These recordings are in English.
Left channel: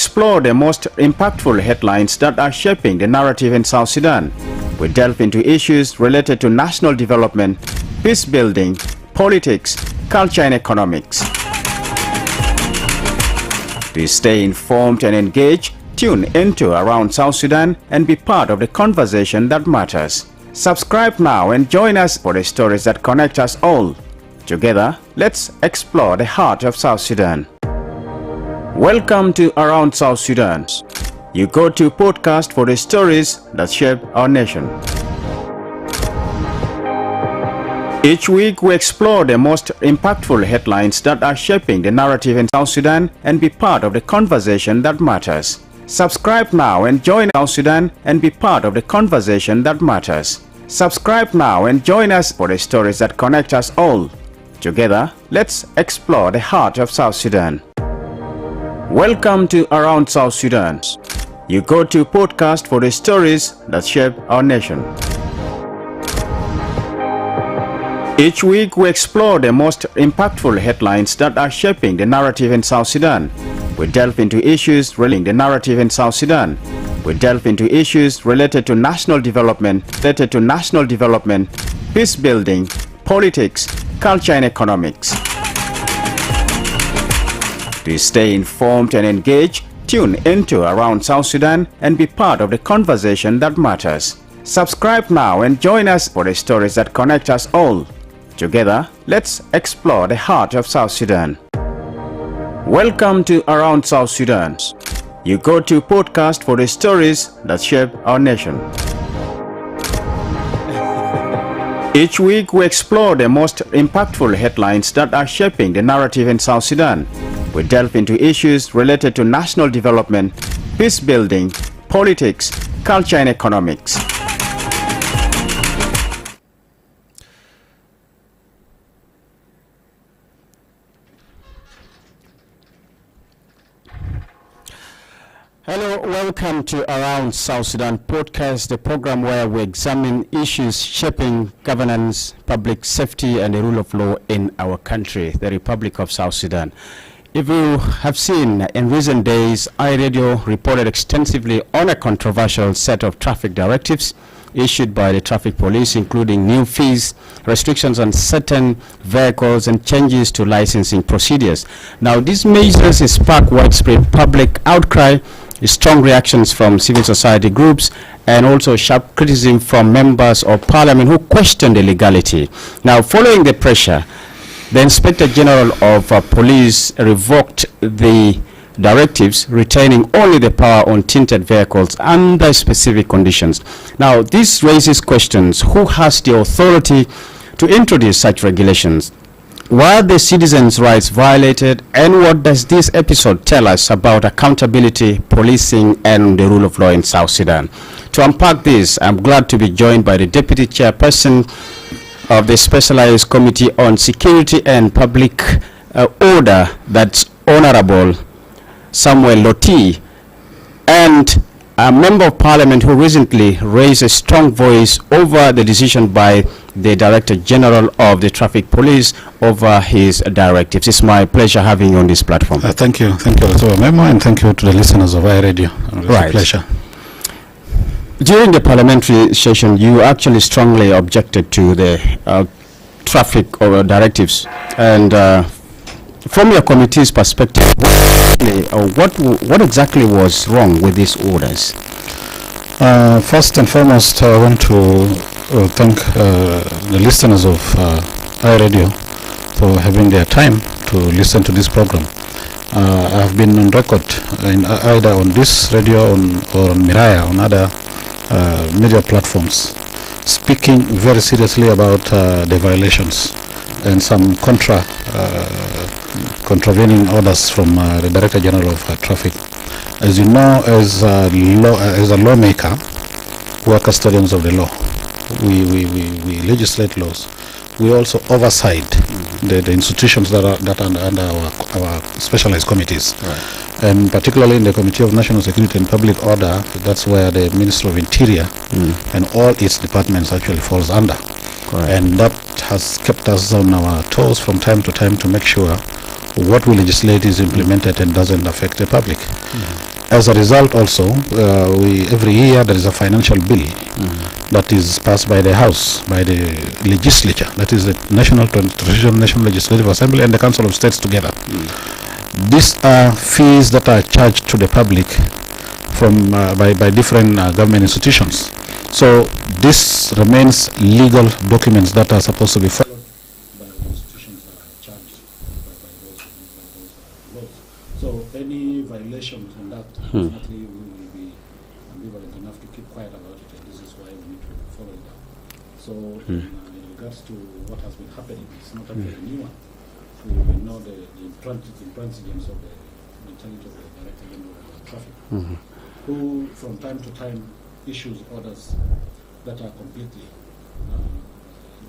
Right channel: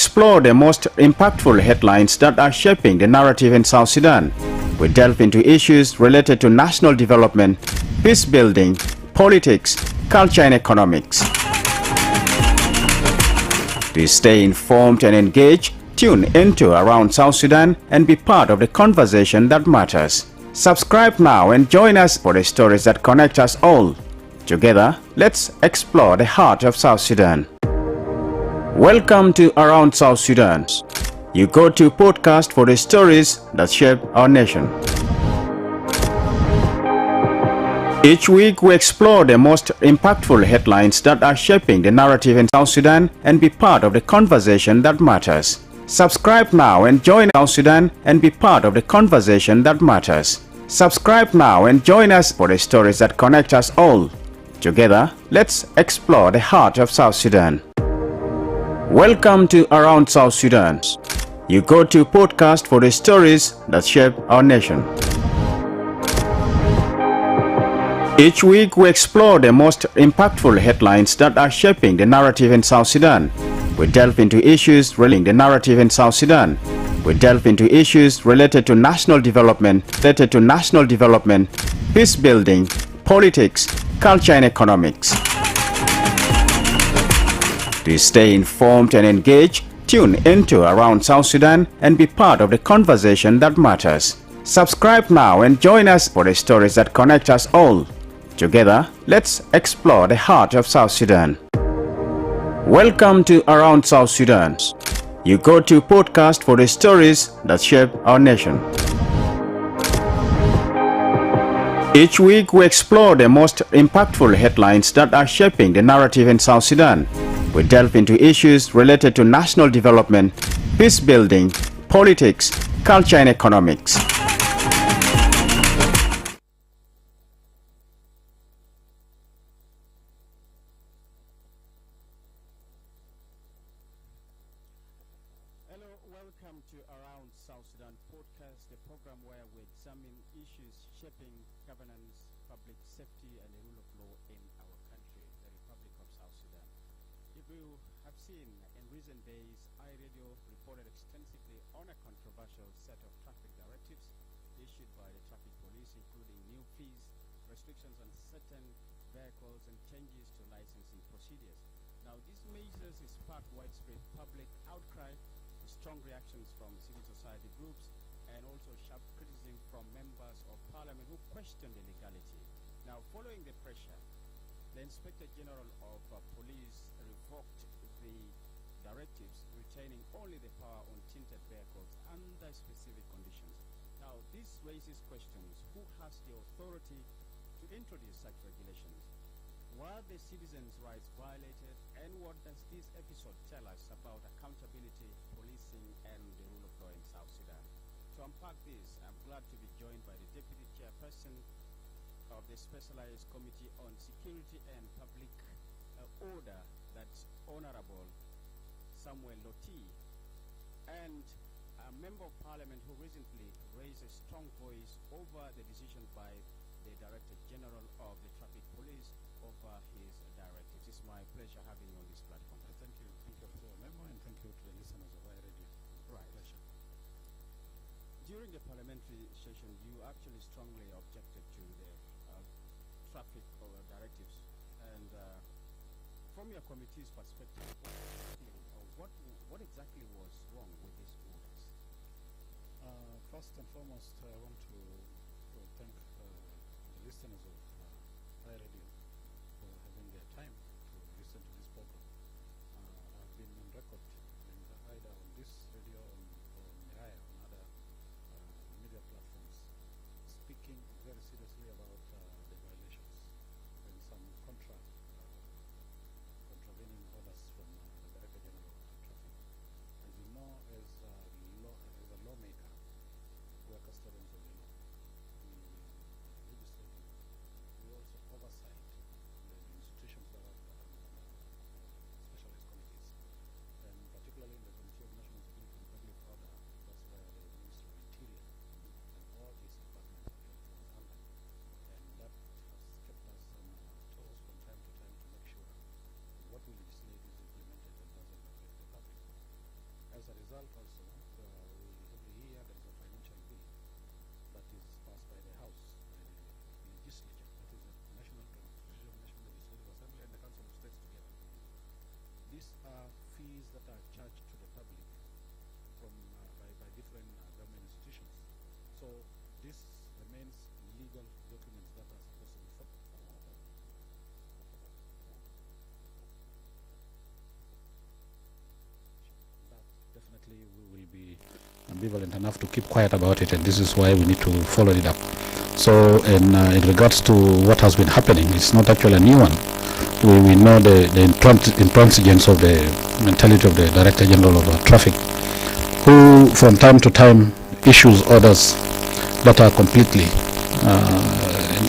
Explore the most impactful headlines that are shaping the narrative in South Sudan. We delve into issues related to national development, peace building, politics, culture and economics. To stay informed and engaged, tune into Around South Sudan and be part of the conversation that matters. Subscribe now and join us for the stories that connect us all. Together, let's explore the heart of South Sudan. Welcome to Around South Sudan. You go to podcast for the stories that shape our nation. Each week we explore the most impactful headlines that are shaping the narrative in South Sudan and be part of the conversation that matters. Subscribe now and join South Sudan and be part of the conversation that matters. Subscribe now and join us for the stories that connect us all. Together, let's explore the heart of South Sudan. Welcome to Around South Sudan. You go to podcast for the stories that shape our nation. Each week we explore the most impactful headlines that are shaping the narrative in South Sudan. We delve into issues relating the narrative in South Sudan. We delve into issues related to national development, peace building, politics, culture and economics. To stay informed and engaged, tune into Around South Sudan and be part of the conversation that matters. Subscribe now and join us for the stories that connect us all. Together, let's explore the heart of South Sudan. Welcome to Around South Sudan. You go to podcast for the stories that shape our nation. Each week we explore the most impactful headlines that are shaping the narrative in South Sudan. We delve into issues related to national development, peace building, politics, culture and economics. Hello, welcome to Around South Sudan podcast, the program where we examine issues shaping governance, public safety and the rule of law in our country, the Republic of South Sudan. If you have seen, in recent days, iRadio reported extensively on a controversial set of traffic directives issued by the traffic police, including new fees, restrictions on certain vehicles, and changes to licensing procedures. Now, these measures spark widespread public outcry, strong reactions from civil society groups, and also sharp criticism from members of parliament who question the legality. Now, following the pressure, the Inspector General of Police revoked the directives, retaining only the power on tinted vehicles under specific conditions. Now, this raises questions: who has the authority to introduce such regulations? Were the citizens' rights violated? And what does this episode tell us about accountability, policing, and the rule of law in South Sudan? To unpack this, I'm glad to be joined by the Deputy Chairperson of the Specialized Committee on Security and Public Order, that's Honorable Samuel Loti, and a Member of Parliament who recently raised a strong voice over the decision by the Director General of the Traffic Police over his directives. It's my pleasure having you on this platform. Thank you, Memo, and thank you to the listeners of iRadio. It's a pleasure. During the parliamentary session, you actually strongly objected to the traffic or directives. And from your committee's perspective, what exactly was wrong with these orders? First and foremost, I want to thank the listeners of iRadio for having their time to listen to this program. I have been on record either on this radio or on Miraya, on other media platforms, speaking very seriously about the violations and some contravening orders from the Director General of Traffic. As you know, as a lawmaker, we are custodians of the law. We legislate laws. We also oversight the institutions that are under our specialized committees. Right. And particularly in the Committee of National Security and Public Order, that's where the Ministry of Interior and all its departments actually falls under. Correct. And that has kept us on our toes from time to time to make sure what we legislate is implemented and doesn't affect the public. As a result also, every year there is a financial bill that is passed by the House, by the legislature, that is the National Legislative Assembly and the Council of States together. These are fees that are charged to the public from by different government institutions. So this remains legal documents that are supposed to be followed by the institutions that are charged by those laws. So any violations on that, definitely we will be ambivalent enough to keep quiet about it, and this is why we need to follow it up. So in regards to what has been happening, it's not actually a new one. We know the intransigence of the mentality of the Director General of Traffic, who from time to time issues orders that are completely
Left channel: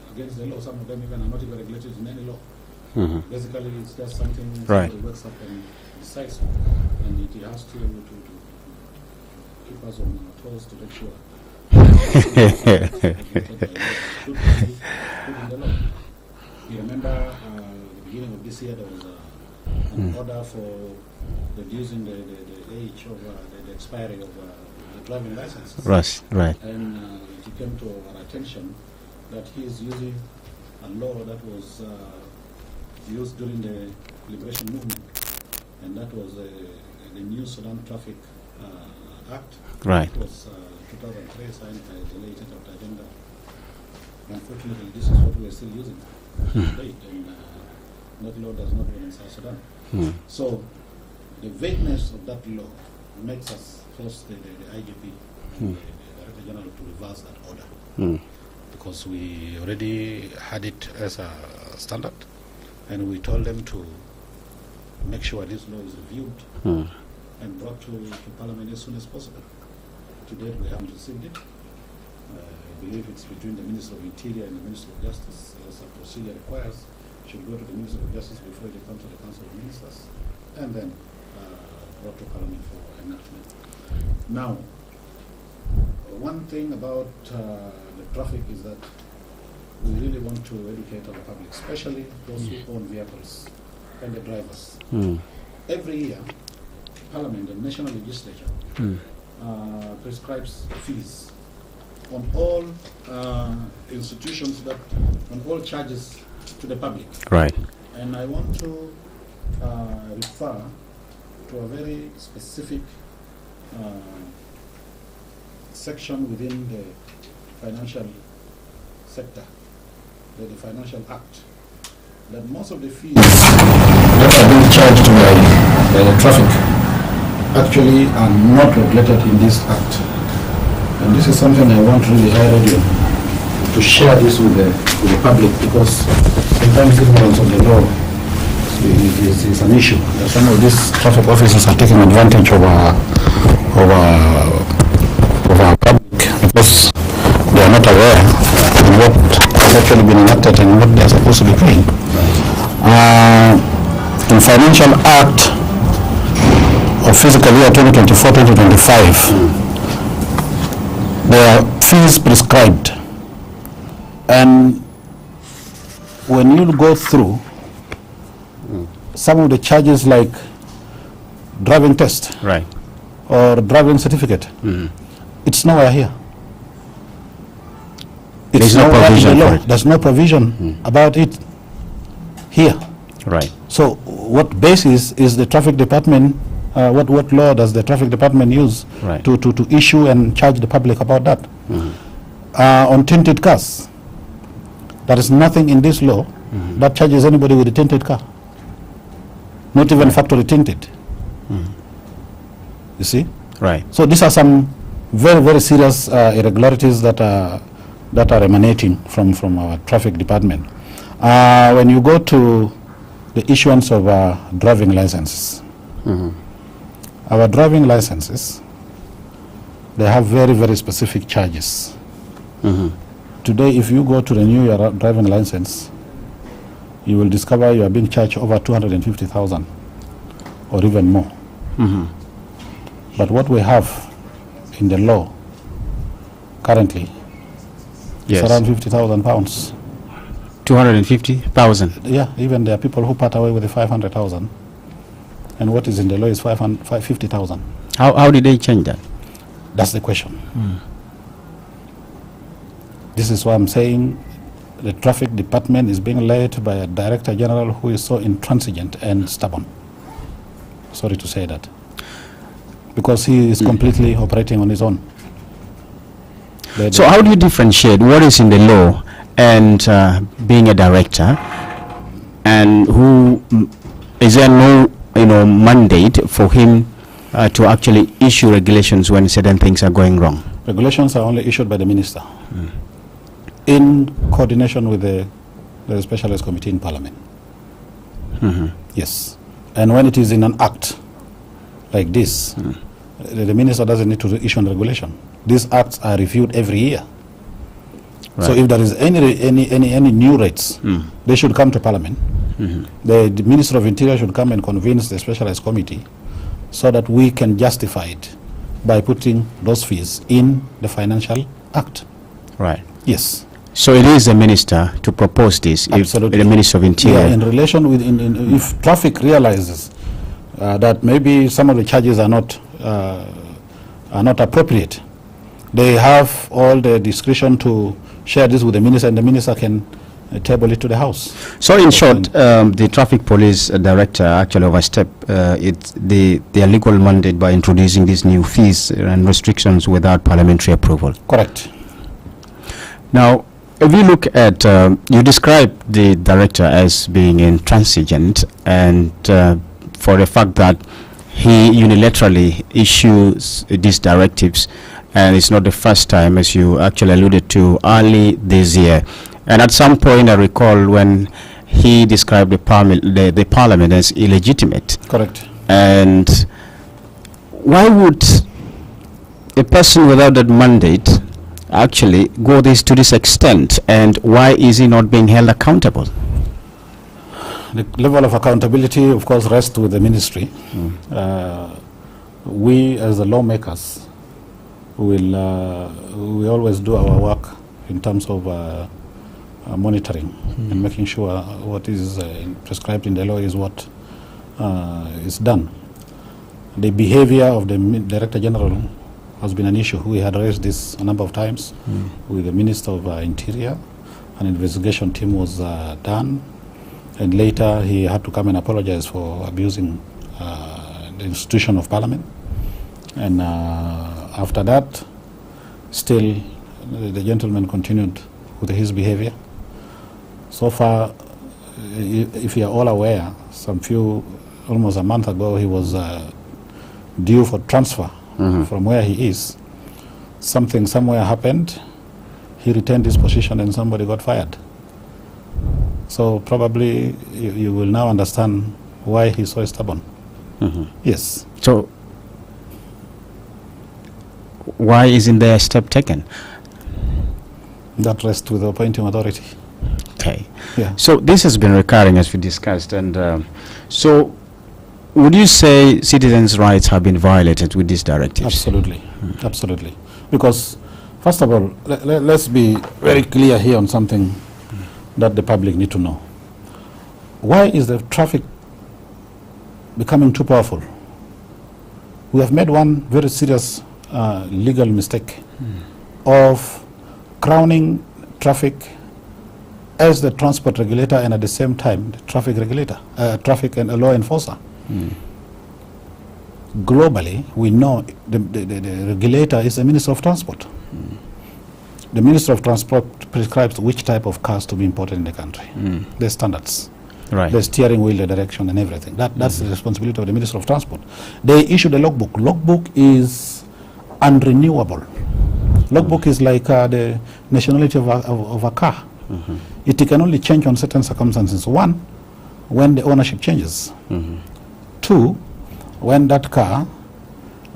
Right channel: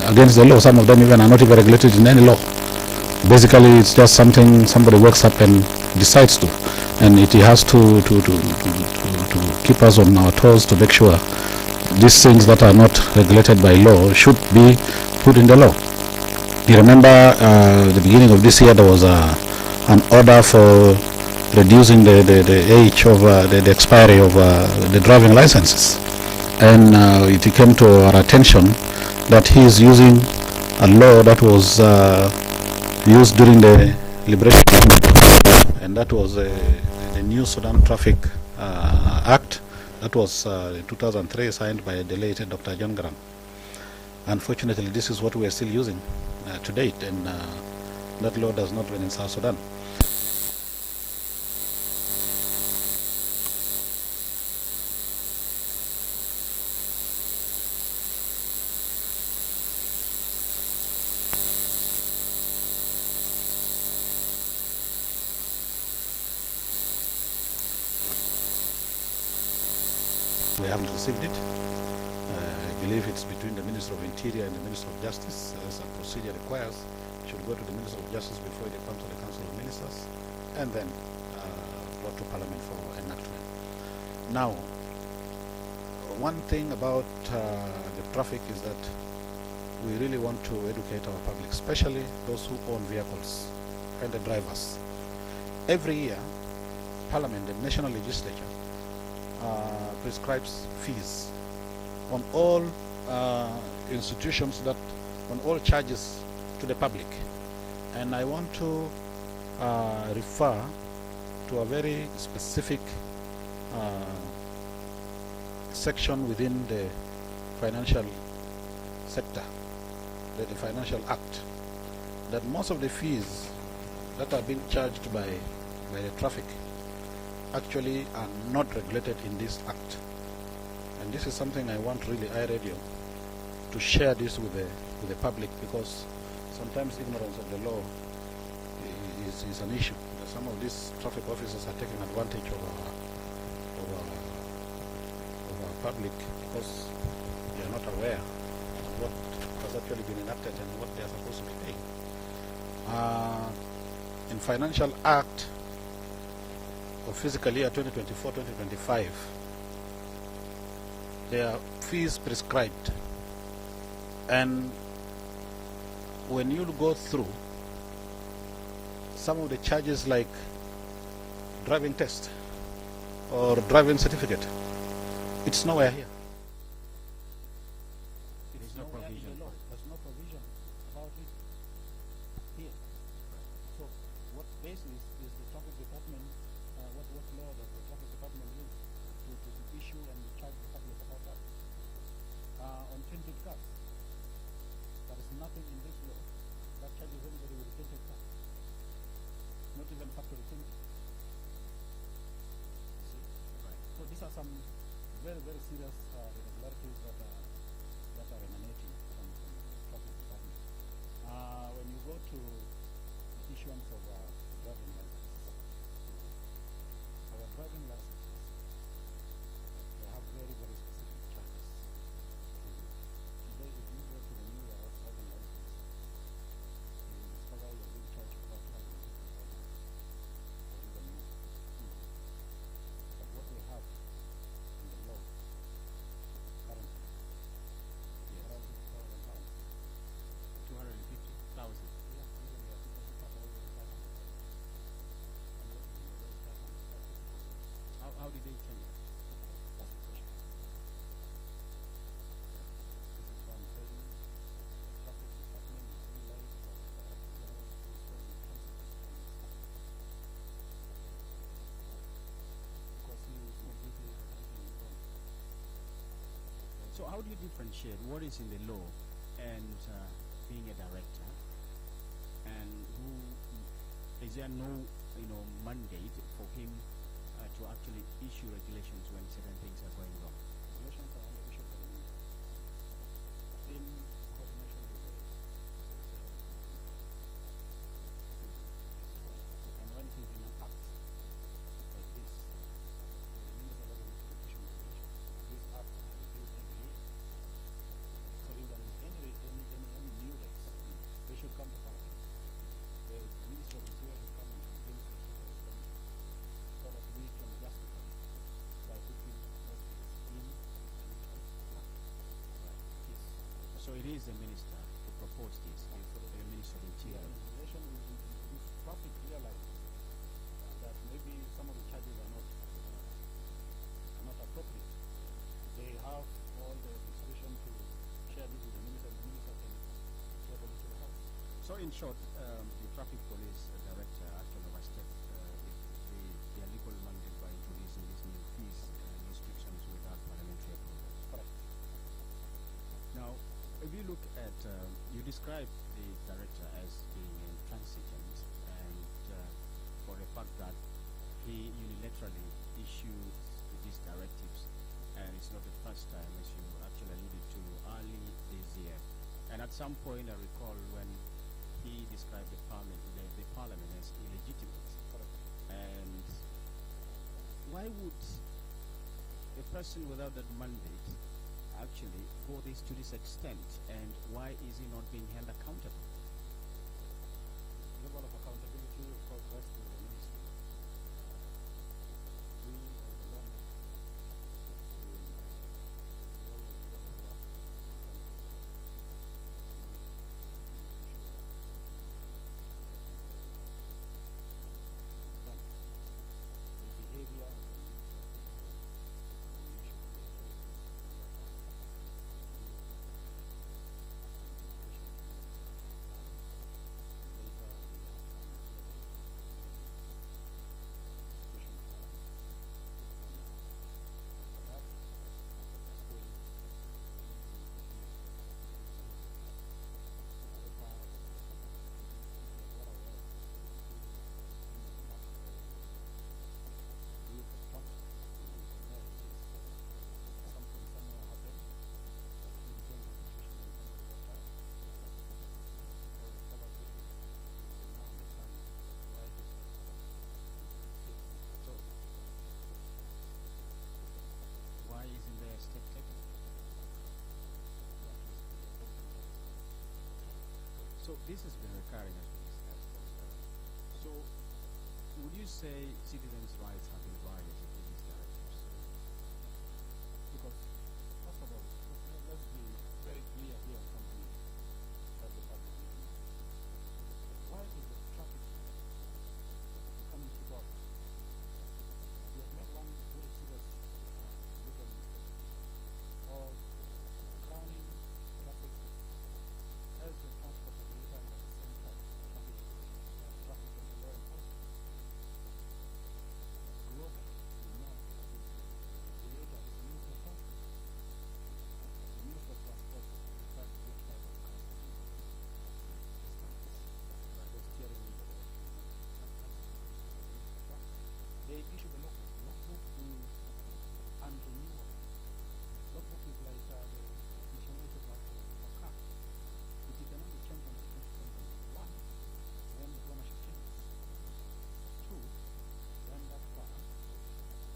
against the law. Some of them even are not even regulated in any law. Basically, it's just something somebody wakes up and decides to, and it has to keep us on our toes to make sure these things that are not regulated by law should be put in the law. You remember the beginning of this year there was an order for reducing the age of the expiry of the driving licenses. Right. And it came to our attention that he is using a law that was used during the liberation movement, and that was the new Sudan Traffic Act. Right. That was in 2003 signed by the late Dr. John Graham. Unfortunately, this is what we are still using to date, and that law does not run in South Sudan. So the vagueness of that law makes us force the IDP General to reverse that order, because we already had it as a standard, and we told them to make sure this law is reviewed and brought to Parliament as soon as possible. Today we haven't received it. I believe it's between the Minister of Interior and the Minister of Justice, as a procedure requires. It should go to the Minister of Justice before it comes to the Council of Ministers, and then brought to Parliament for enactment. Now, one thing about the traffic is that we really want to educate our public, especially those who own vehicles and the drivers. Every year, Parliament, the National Legislature, prescribes fees on all institutions, that on all charges to the public. Right. And I want to refer to a very specific section within the financial sector, the Financial Act, that most of the fees that are being charged by the traffic actually are not regulated in this act. And this is something I want really high radio to share this with the public, because sometimes ignorance of the law is an issue. Some of these traffic officers are taking advantage of our public because they are not aware of what has actually been enacted and what they are supposed to be paying. In Financial Act of fiscal year 2024-2025, there are fees prescribed, and when you go through some of the charges like driving test, right, or driving certificate, it's nowhere here. It's nowhere in the law. There's no provision about it here. Right. So what basis is the traffic department, what law does the traffic department use to issue and charge the public about that? On tinted cars, there is nothing in this law that charges anybody with a tinted car. Not even factory tinted. You see? Right. So these are some very, very serious irregularities that are emanating from our traffic department. When you go to the issuance of driving licenses, our driving licenses, they have very, very specific charges. Today, if you go to renew your driving license, you will discover you are being charged over 250,000 or even more. But what we have in the law currently is around £50,000 250,000. Yeah, even there are people who part away with the 500,000, and what is in the law is 550,000. How did they change that? That's the question. This is why I'm saying the traffic department is being led by a director general who is so intransigent and stubborn. Sorry to say that. Because he is completely operating on his own. So how do you differentiate what is in the law and being a director, and who is there no mandate for him to actually issue regulations when certain things are going wrong? Regulations are only issued by the minister in coordination with the specialist committee in parliament. Yes. And when it is in an act like this, the minister doesn't need to issue a regulation. These acts are reviewed every year. Right. So if there is any new rates, they should come to parliament. The Minister of Interior should come and convince the specialized committee so that we can justify it by putting those fees in the financial act. Right. Yes. So it is the minister to propose this. Absolutely. If the Minister of Interior. Yeah, in relation with, if traffic realizes that maybe some of the charges are not appropriate, they have all the discretion to share this with the minister, and the minister can table it to the House. So in short, the traffic police director actually overstepped their legal mandate by introducing these new fees and restrictions without parliamentary approval. Correct. Now, if you look at, you describe the director as being intransigent, and for the fact that he unilaterally issues these directives, and it's not the first time, as you actually alluded to early this year. And at some point, I recall when he described the parliament as illegitimate. Correct. And why would a person without that mandate actually go to this extent, and why is he not being held accountable? The level of accountability, of course, rests with the ministry. We, as the lawmakers, we always do our work in terms of monitoring and making sure what is prescribed in the law is what is done. The behavior of the Director General has been an issue. We had raised this a number of times with the Minister of Interior. An investigation team was done, and later he had to come and apologize for abusing the institution of Parliament. And after that, still the gentleman continued with his behavior. So far, if you are all aware, almost a month ago, he was due for transfer from where he is. Something somewhere happened, he retained his position and somebody got fired. So probably you will now understand why he's so stubborn. Yes. So why isn't there a step taken? That rests with the appointing authority. Okay. Yeah. So this has been recurring, as we discussed, and so would you say citizens' rights have been violated with these directives? Absolutely. Absolutely. Because, first of all, let's be very clear here on something that the public need to know. Why is the traffic becoming too powerful? We have made one very serious legal mistake of crowning traffic as the transport regulator and at the same time the traffic regulator, traffic and a law enforcer. Globally, we know the regulator is the Minister of Transport. The Minister of Transport prescribes which type of cars to be imported in the country. There's standards. Right. The steering wheel, the direction, and everything. That's the responsibility of the Minister of Transport. They issued a logbook. Logbook is unrenewable. Logbook is like the nationality of a car. It can only change on certain circumstances. One, when the ownership changes. Two, when that car,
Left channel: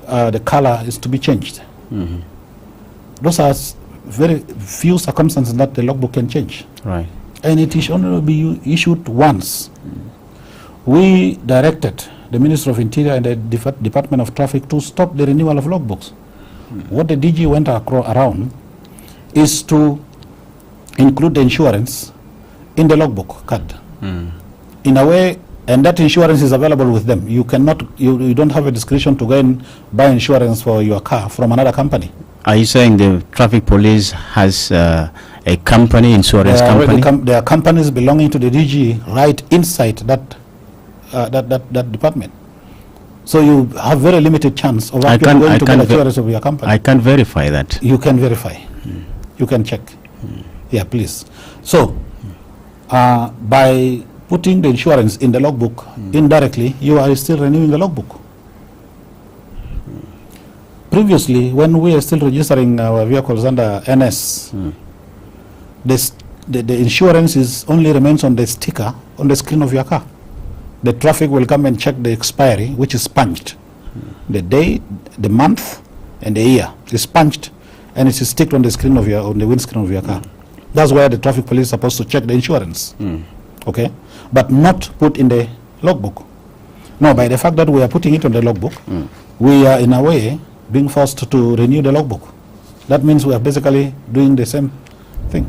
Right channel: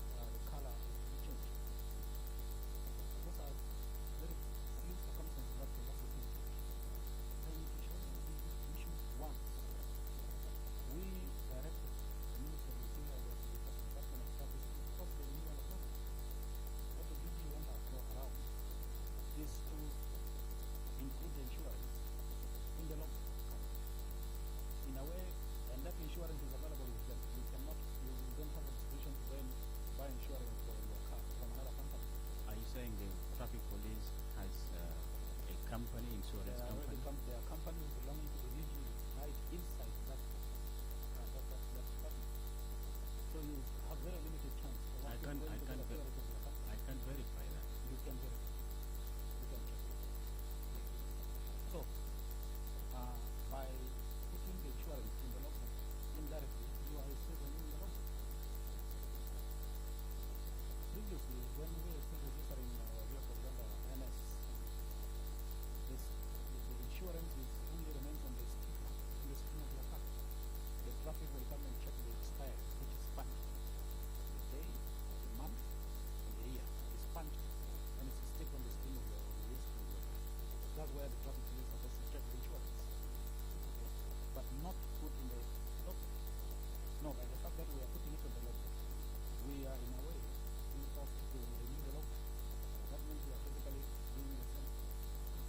the color is to be changed. Those are very few circumstances that the logbook can change. Right. And it is only be issued once. We directed the Minister of Interior and the Department of Traffic to stop the renewal of logbooks. What the DG went around is to include the insurance in the logbook card. In a way, and that insurance is available with them. You cannot, you don't have a discretion to go and buy insurance for your car from another company. Are you saying the traffic police has a company, insurance company? There are companies belonging to the DG right inside that department. So you have very limited chance of actually going to get insurance of your company. I can't verify that. You can verify. You can check. Yeah, please. So by putting the insurance in the logbook, indirectly, you are still renewing the logbook. Previously, when we are still registering our vehicles under NS, the insurance is only remains on the sticker on the screen of your car. The traffic will come and check the expiry, which is punched. The day, the month, and the year is punched, and it is sticked on the screen of on the windscreen of your car. That's where the traffic police is supposed to check the insurance. Okay, but not put in the logbook. No, by the fact that we are putting it on the logbook, we are in a way being forced to renew the logbook. That means we are basically doing the same thing.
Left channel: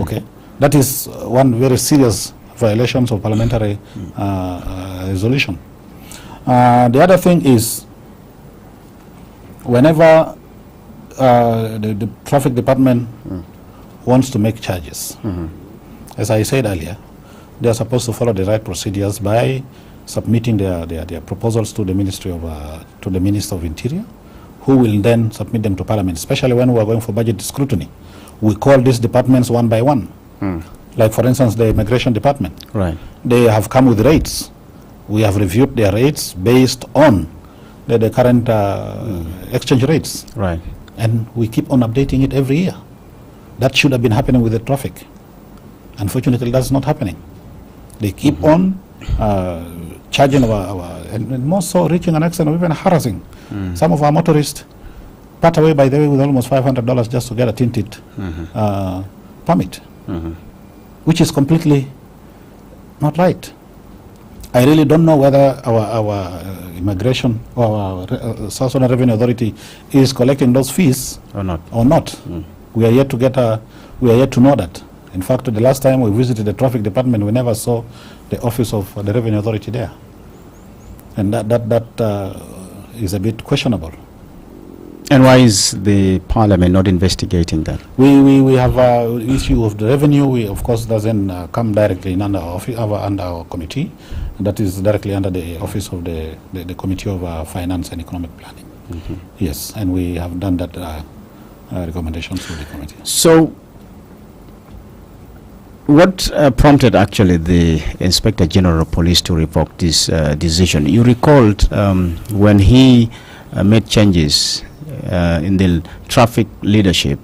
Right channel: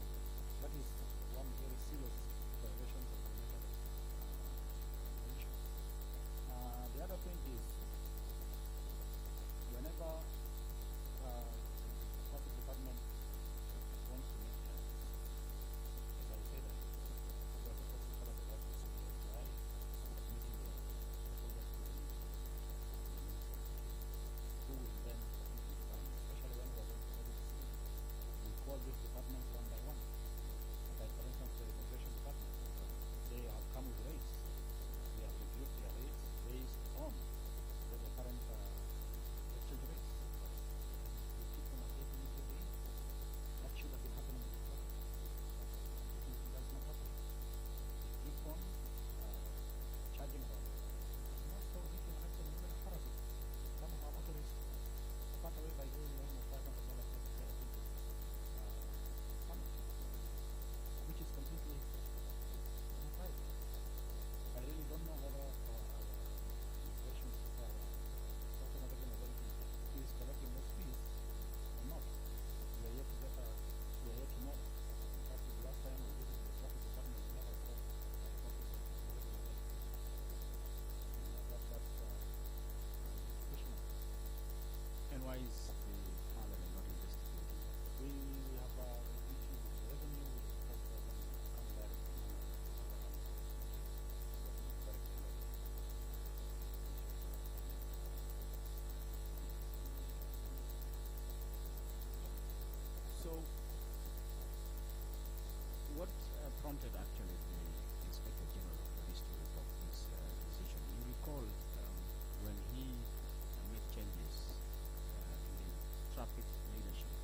Okay, that is one very serious violations of parliamentary resolution. The other thing is, whenever the traffic department wants to make charges, as I said earlier, they are supposed to follow the right procedures by submitting their proposals to the Ministry of to the Minister of Interior, who will then submit them to Parliament. Especially when we are going for budget scrutiny, we call these departments one by one. Like, for instance, the Immigration Department. Right. They have come with rates. We have reviewed their rates based on the current exchange rates. Right. And we keep on updating it every year. That should have been happening with the traffic. Unfortunately, that's not happening. They keep on charging and more so reaching an extent of even harassing. Some of our motorists part away, by the way, with almost $500 just to get a tinted permit. Which is completely not right. I really don't know whether our immigration or our South Sudan Revenue Authority is collecting those fees or not. We are yet to get we are yet to know that. In fact, the last time we visited the traffic department, we never saw the office of the Revenue Authority there, and that is a bit questionable. And why is the Parliament not investigating that? We have issue of the revenue. We, of course, doesn't come directly in under our committee. That is directly under the office of the Committee of Finance and Economic Planning. Yes, and we have done that recommendations to the committee. So, what prompted actually the Inspector General of Police to revoke this decision? You recalled when he made changes in the traffic leadership,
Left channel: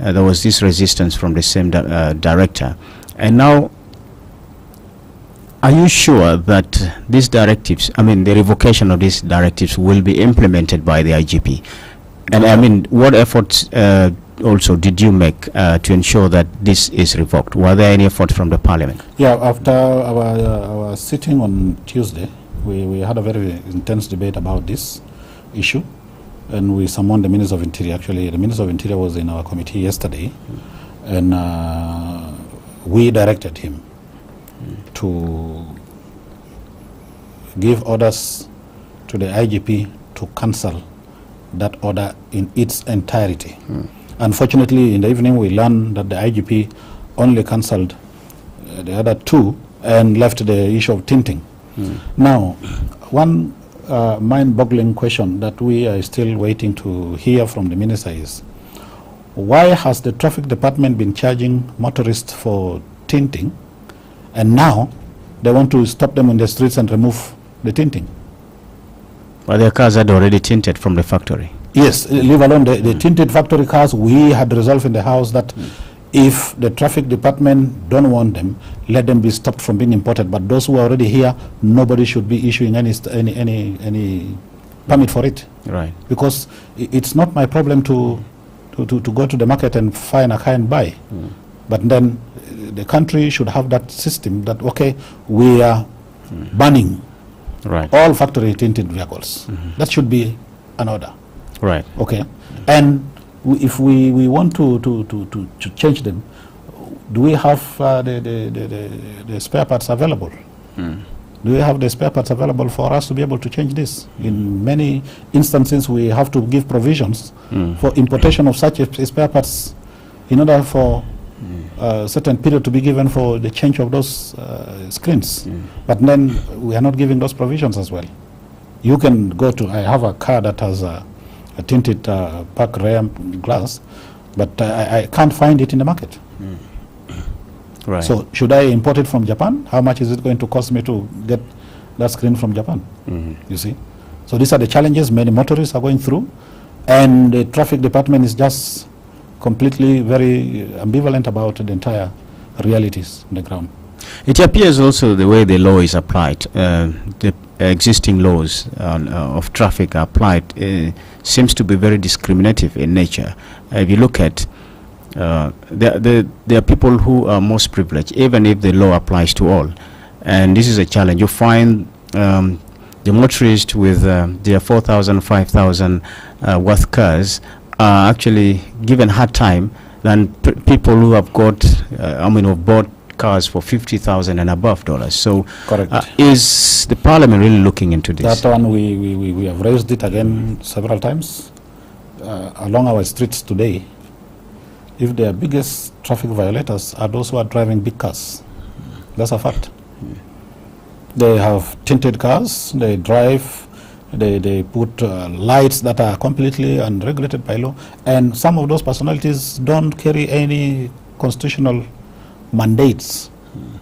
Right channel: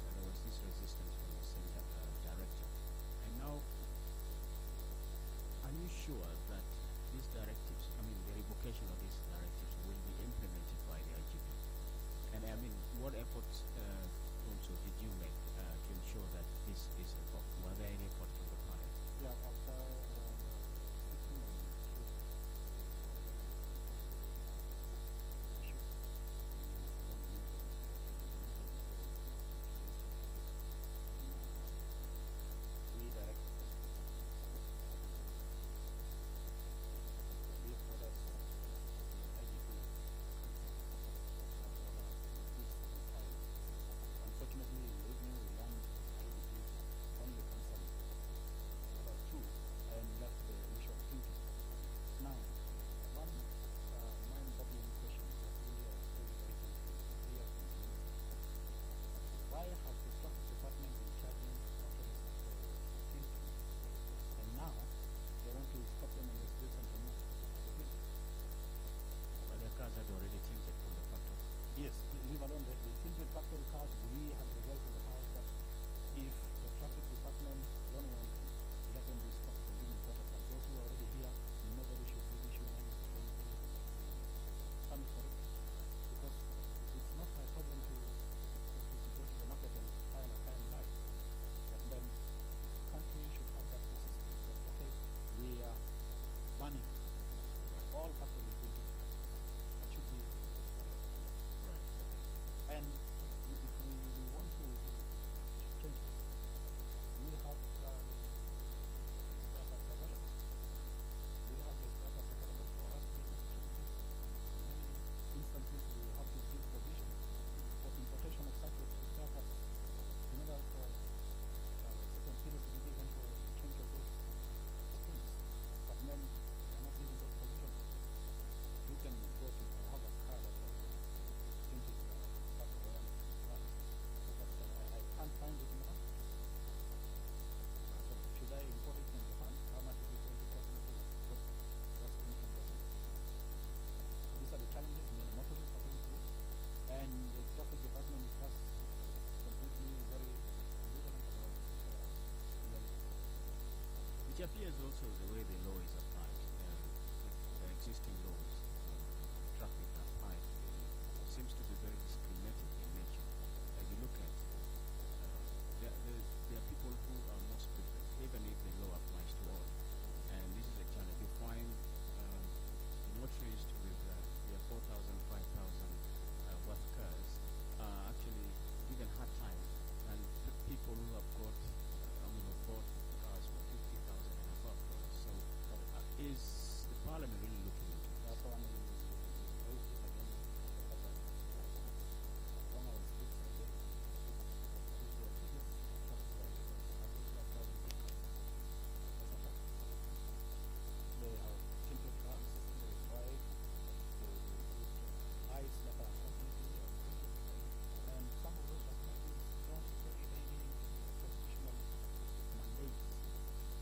there was this resistance from the same director. And now, are you sure that these directives, I mean the revocation of these directives, will be implemented by the IGP? And I mean, what efforts also did you make to ensure that this is revoked? Were there any efforts from the Parliament? Yeah, after our sitting on Tuesday, we had a very intense debate about this issue. And we summoned the Minister of Interior. Actually, the Minister of Interior was in our committee yesterday, and we directed him to give orders to the IGP to cancel that order in its entirety. Unfortunately, in the evening, we learned that the IGP only cancelled the other two and left the issue of tinting. Now, one mind-boggling question that we are still waiting to hear from the minister is, why has the traffic department been charging motorists for tinting, and now they want to stop them in the streets and remove the tinting? Well, their cars had already tinted from the factory. Yes, leave alone the tinted factory cars. We had resolved in the House that if the traffic department don't want them, let them be stopped from being imported. But those who are already here, nobody should be issuing any permit for it. Right. Because it's not my problem to go to the market and find a car and buy. But then the country should have that system that, okay, we are banning all factory tinted vehicles. That should be an order. Right. Okay. And if we want to change them, do we have the spare parts available? Do we have the spare parts available for us to be able to change this? In many instances, we have to give provisions for importation of such spare parts in order for a certain period to be given for the change of those screens. But then we are not giving those provisions as well. You can go to, I have a car that has a tinted park rear glass, but I can't find it in the market. Right. So should I import it from Japan? How much is it going to cost me to get that screen from Japan? You see? So these are the challenges many motorists are going through, and the traffic department is just completely very ambivalent about the entire realities on the ground. It appears also the way the law is applied, the existing laws of traffic are applied, seems to be very discriminative in nature. If you look at there are people who are most privileged, even if the law applies to all. And this is a challenge. You find the motorists with their 4,000, 5,000 worth cars are actually given hard time than people who have got, who've bought cars for $50,000 and above dollars. So, correct. Is the parliament really looking into this? That one we have raised it again several times along our streets today. If the biggest traffic violators are those who are driving big cars, that's a fact. They have tinted cars. They drive. They put lights that are completely unregulated by law, and some of those personalities don't carry any constitutional mandates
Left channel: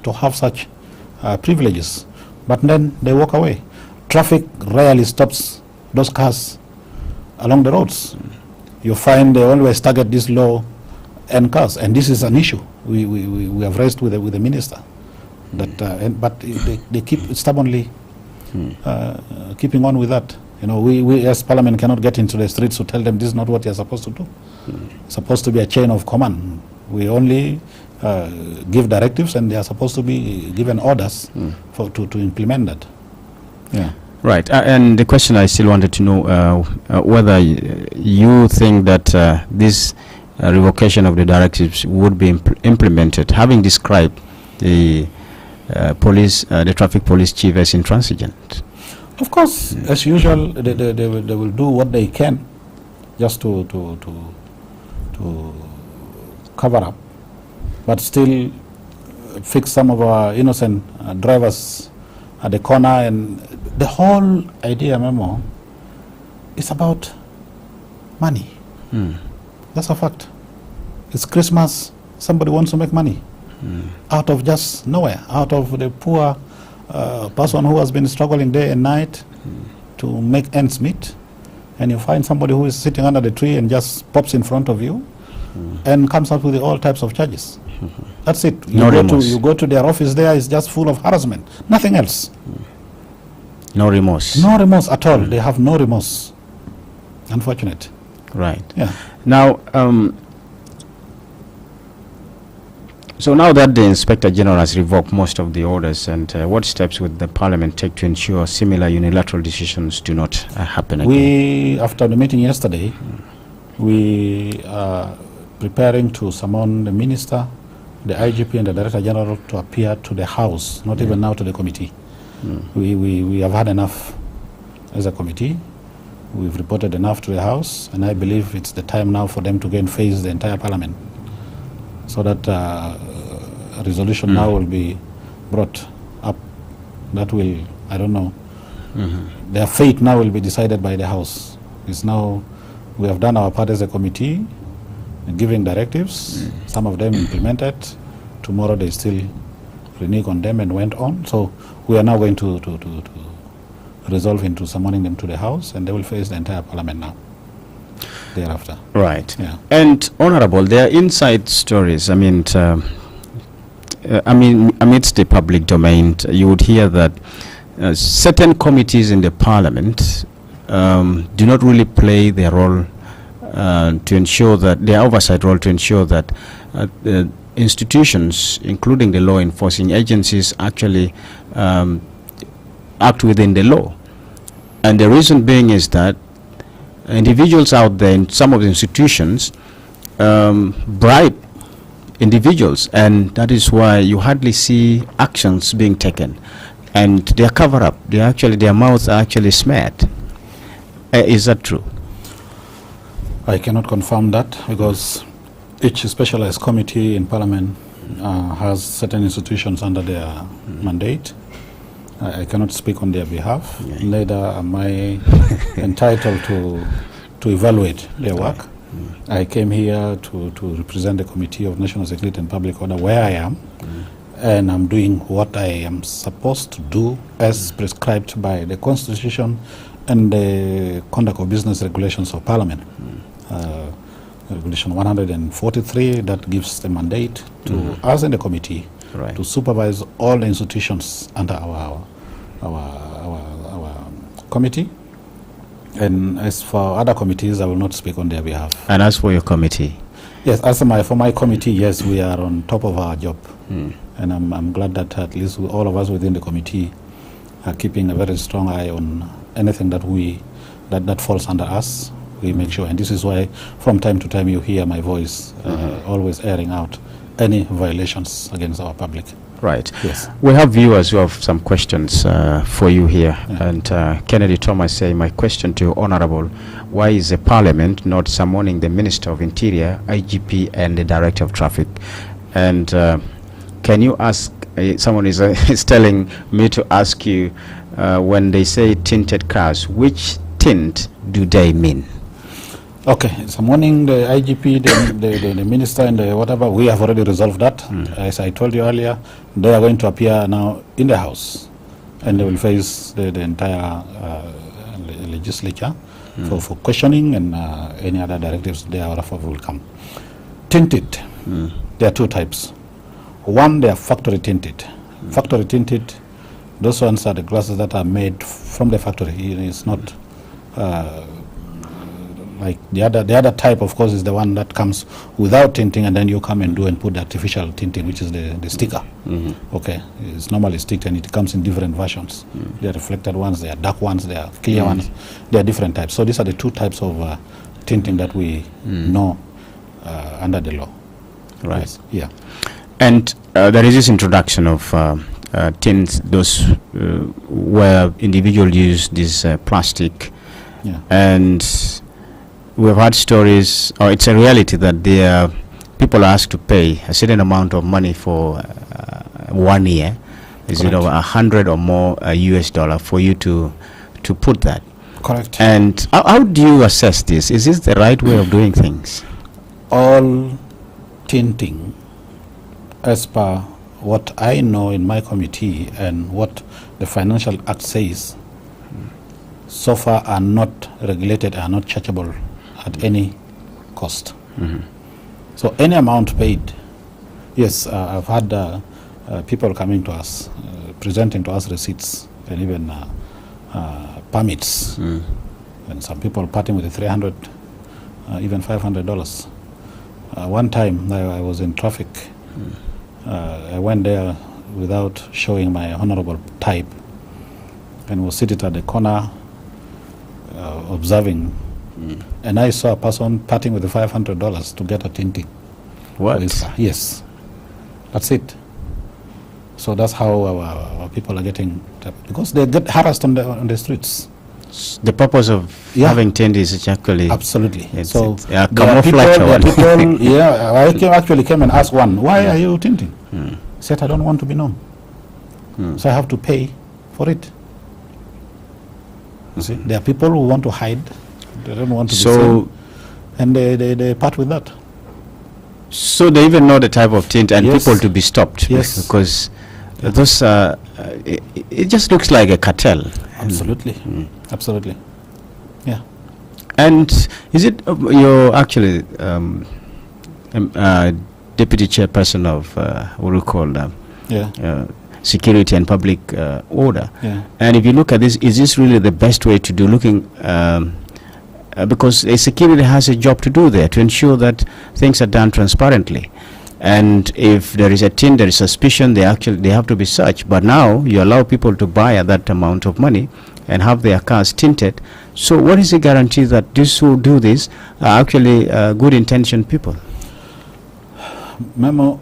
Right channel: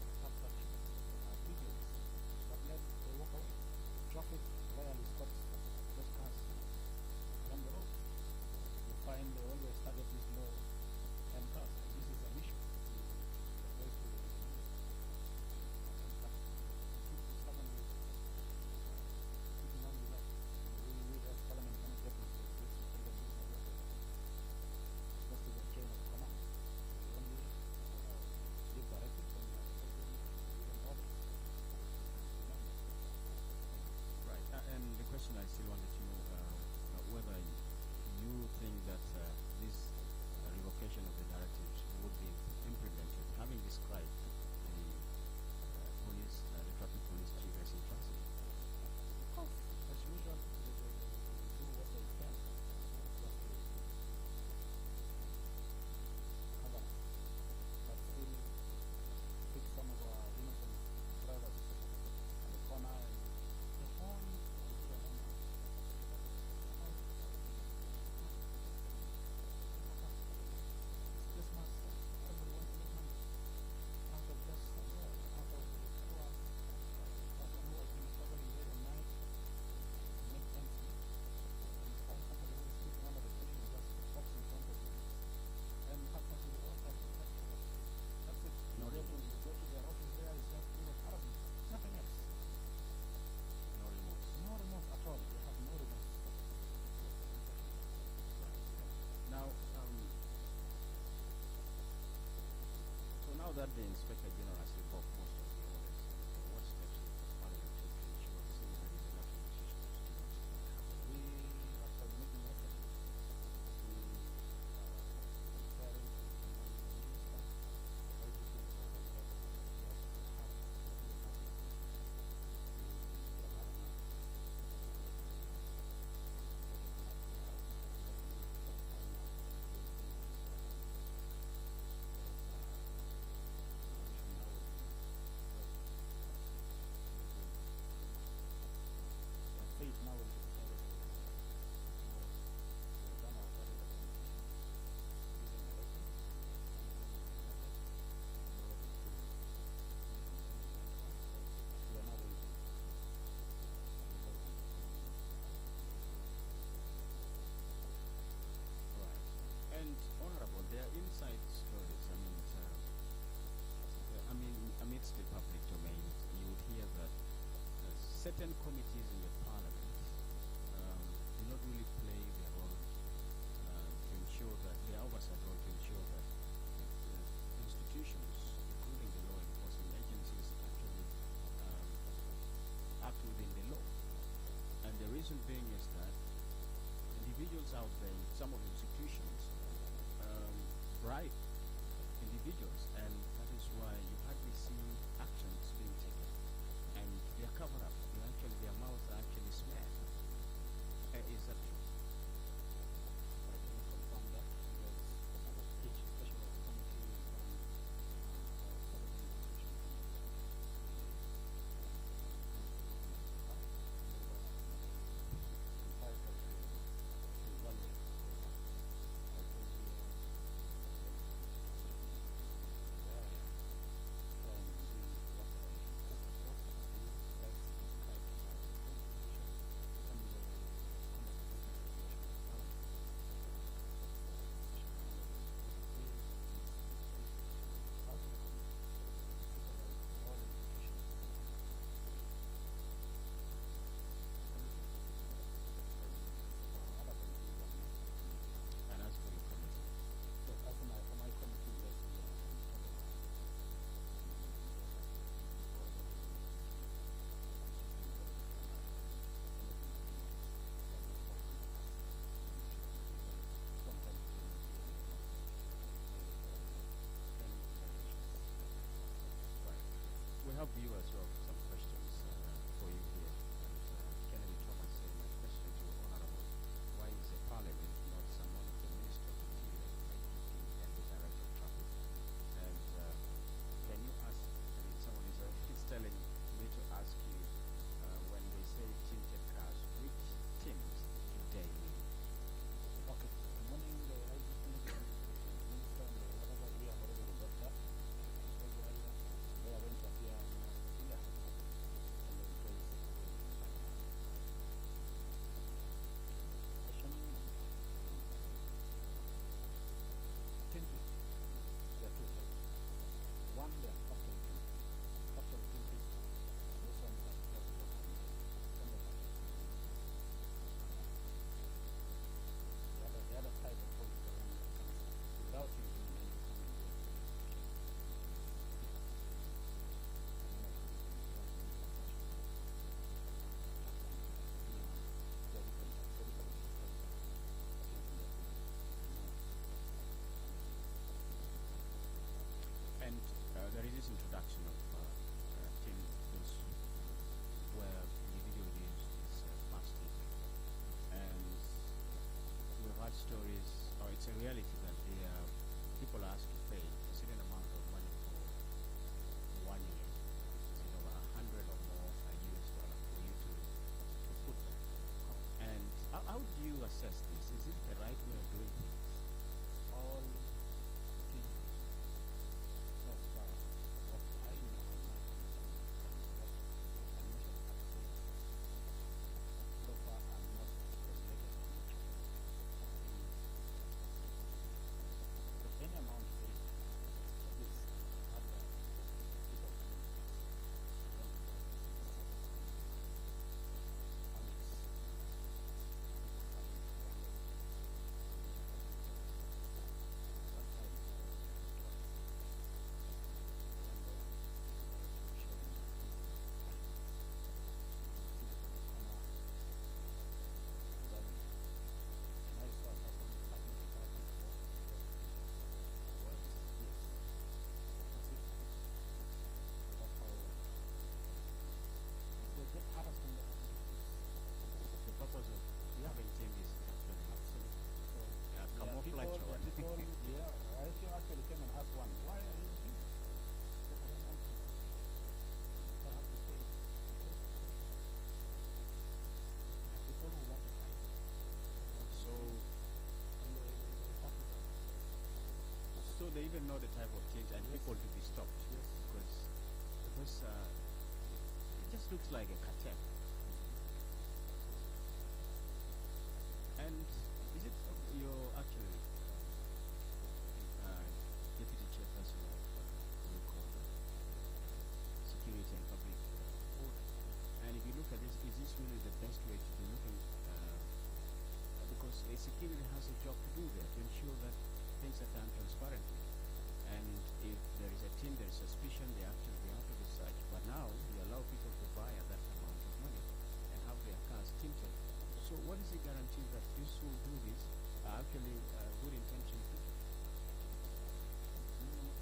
to have such privileges, but then they walk away. Traffic rarely stops those cars along the roads. You find they always target these low-end cars, and this is an issue we have raised with the minister. That, but they keep stubbornly keeping on with that. You know, we as Parliament cannot get into the streets to tell them this is not what you're supposed to do. It's supposed to be a chain of command. We only give directives, and they are supposed to be given orders to implement that. Yeah. Right, and the question I still wanted to know whether you think that this revocation of the directives would be implemented, having described the the traffic police chief as intransigent. Of course, as usual, they will do what they can just to cover up, but still fix some of our innocent drivers at the corner. And the whole idea, Memo, is about money. That's a fact. It's Christmas. Somebody wants to make money out of just nowhere, out of the poor person who has been struggling day and night to make ends meet. And you find somebody who is sitting under the tree and just pops in front of you and comes up with all types of charges. That's it. You go to their office there, it's just full of harassment. Nothing else. No remorse. No remorse at all. They have no remorse. Unfortunate. Right. Yeah. Now, so now that the Inspector General has revoked most of the orders, and what steps would the Parliament take to ensure similar unilateral decisions do not happen again? After the meeting yesterday, we are preparing to summon the Minister, the IGP and the Director General to appear to the House, not even now to the committee. We have had enough as a committee. We've reported enough to the House, and I believe it's the time now for them to go and face the entire Parliament, so that a resolution now will be brought up that will, I don't know, their fate now will be decided by the House. It's now, we have done our part as a committee, giving directives, some of them implemented. Tomorrow they still renege on them and went on. So we are now going to resolve into summoning them to the House, and they will face the entire Parliament now thereafter. Right. Yeah. And Honorable, there are inside stories. I mean, amidst the public domain, you would hear that certain committees in the Parliament do not really play their role to ensure that, their oversight role to ensure that the institutions, including the law enforcing agencies, actually act within the law. And the reason being is that individuals out there in some of the institutions bribe individuals, and that is why you hardly see actions being taken, and they are cover up. Their mouths are actually smeared. Is that true? I cannot confirm that because each specialized committee in Parliament has certain institutions under their mandate. I cannot speak on their behalf. Yeah. Neither am I entitled to evaluate their work. I came here to represent the Committee of National Security and Public Order where I am, and I'm doing what I am supposed to do as prescribed by the Constitution and the Conduct of Business Regulations of Parliament. Regulation 143 that gives the mandate to us in the committee to supervise all the institutions under our committee. And as for other committees, I will not speak on their behalf. And as for your committee? Yes, for my committee, yes, we are on top of our job. And I'm glad that at least all of us within the committee are keeping a very strong eye on anything that falls under us. We make sure, and this is why from time to time you hear my voice always airing out any violations against our public. Right. Yes. We have viewers who have some questions for you here. Yeah. And Kennedy Thomas say, my question to you, Honorable, why is the Parliament not summoning the Minister of Interior, IGP, and the Director of Traffic? And can you ask, someone is telling me to ask you, when they say tinted cars, which tint do they mean? Okay, summoning the IGP, the minister, and the whatever, we have already resolved that. As I told you earlier, they are going to appear now in the House, and they will face the entire legislature for questioning, and any other directives thereafter will come. Tinted, there are two types. One, they are factory tinted. Factory tinted, those ones are the glasses that are made from the factory. It's not like the other type, of course, is the one that comes without tinting, and then you come and put the artificial tinting, which is the sticker. Okay, it's normally sticked, and it comes in different versions. There are reflected ones, there are dark ones, there are clear ones. There are different types. So these are the two types of tinting that we know under the law. Right. Yes. Yeah. And there is this introduction of tints, those where individuals use this plastic, and we've had stories, or it's a reality that people are asked to pay a certain amount of money for 1 year. Is it over $100 or more US dollar for you to put that? Correct. And how do you assess this? Is this the right way of doing things? All tinting, as per what I know in my committee and what the Financial Act says, so far are not regulated, are not chargeable at any cost. So any amount paid, yes, I've had people coming to us, presenting to us receipts and even permits, and some people parting with the $300, even $500. One time I was in traffic. I went there without showing my honorable type, and was seated at the corner observing. And I saw a person parting with the $500 to get a tinting. What? Yes. That's it. So that's how our people are getting, because they get harassed on the streets. The purpose of having tint is actually... Absolutely. It's camouflage. I actually came and asked one, why are you tinting? He said, I don't want to be known. So I have to pay for it. You see, there are people who want to hide. They don't want to be seen, and they part with that. So they even know the type of tint and people to be stopped. Yes. Because those it just looks like a cartel. Absolutely. Absolutely. Yeah. And is it you're actually deputy chairperson of what we call security and public order? And if you look at this, is this really the best way to do? Looking because a security has a job to do there to ensure that things are done transparently. And if there is a tint, there is suspicion, they have to be searched. But now you allow people to buy at that amount of money and have their cars tinted. So what is the guarantee that these who do this are actually good intentioned people? Memo,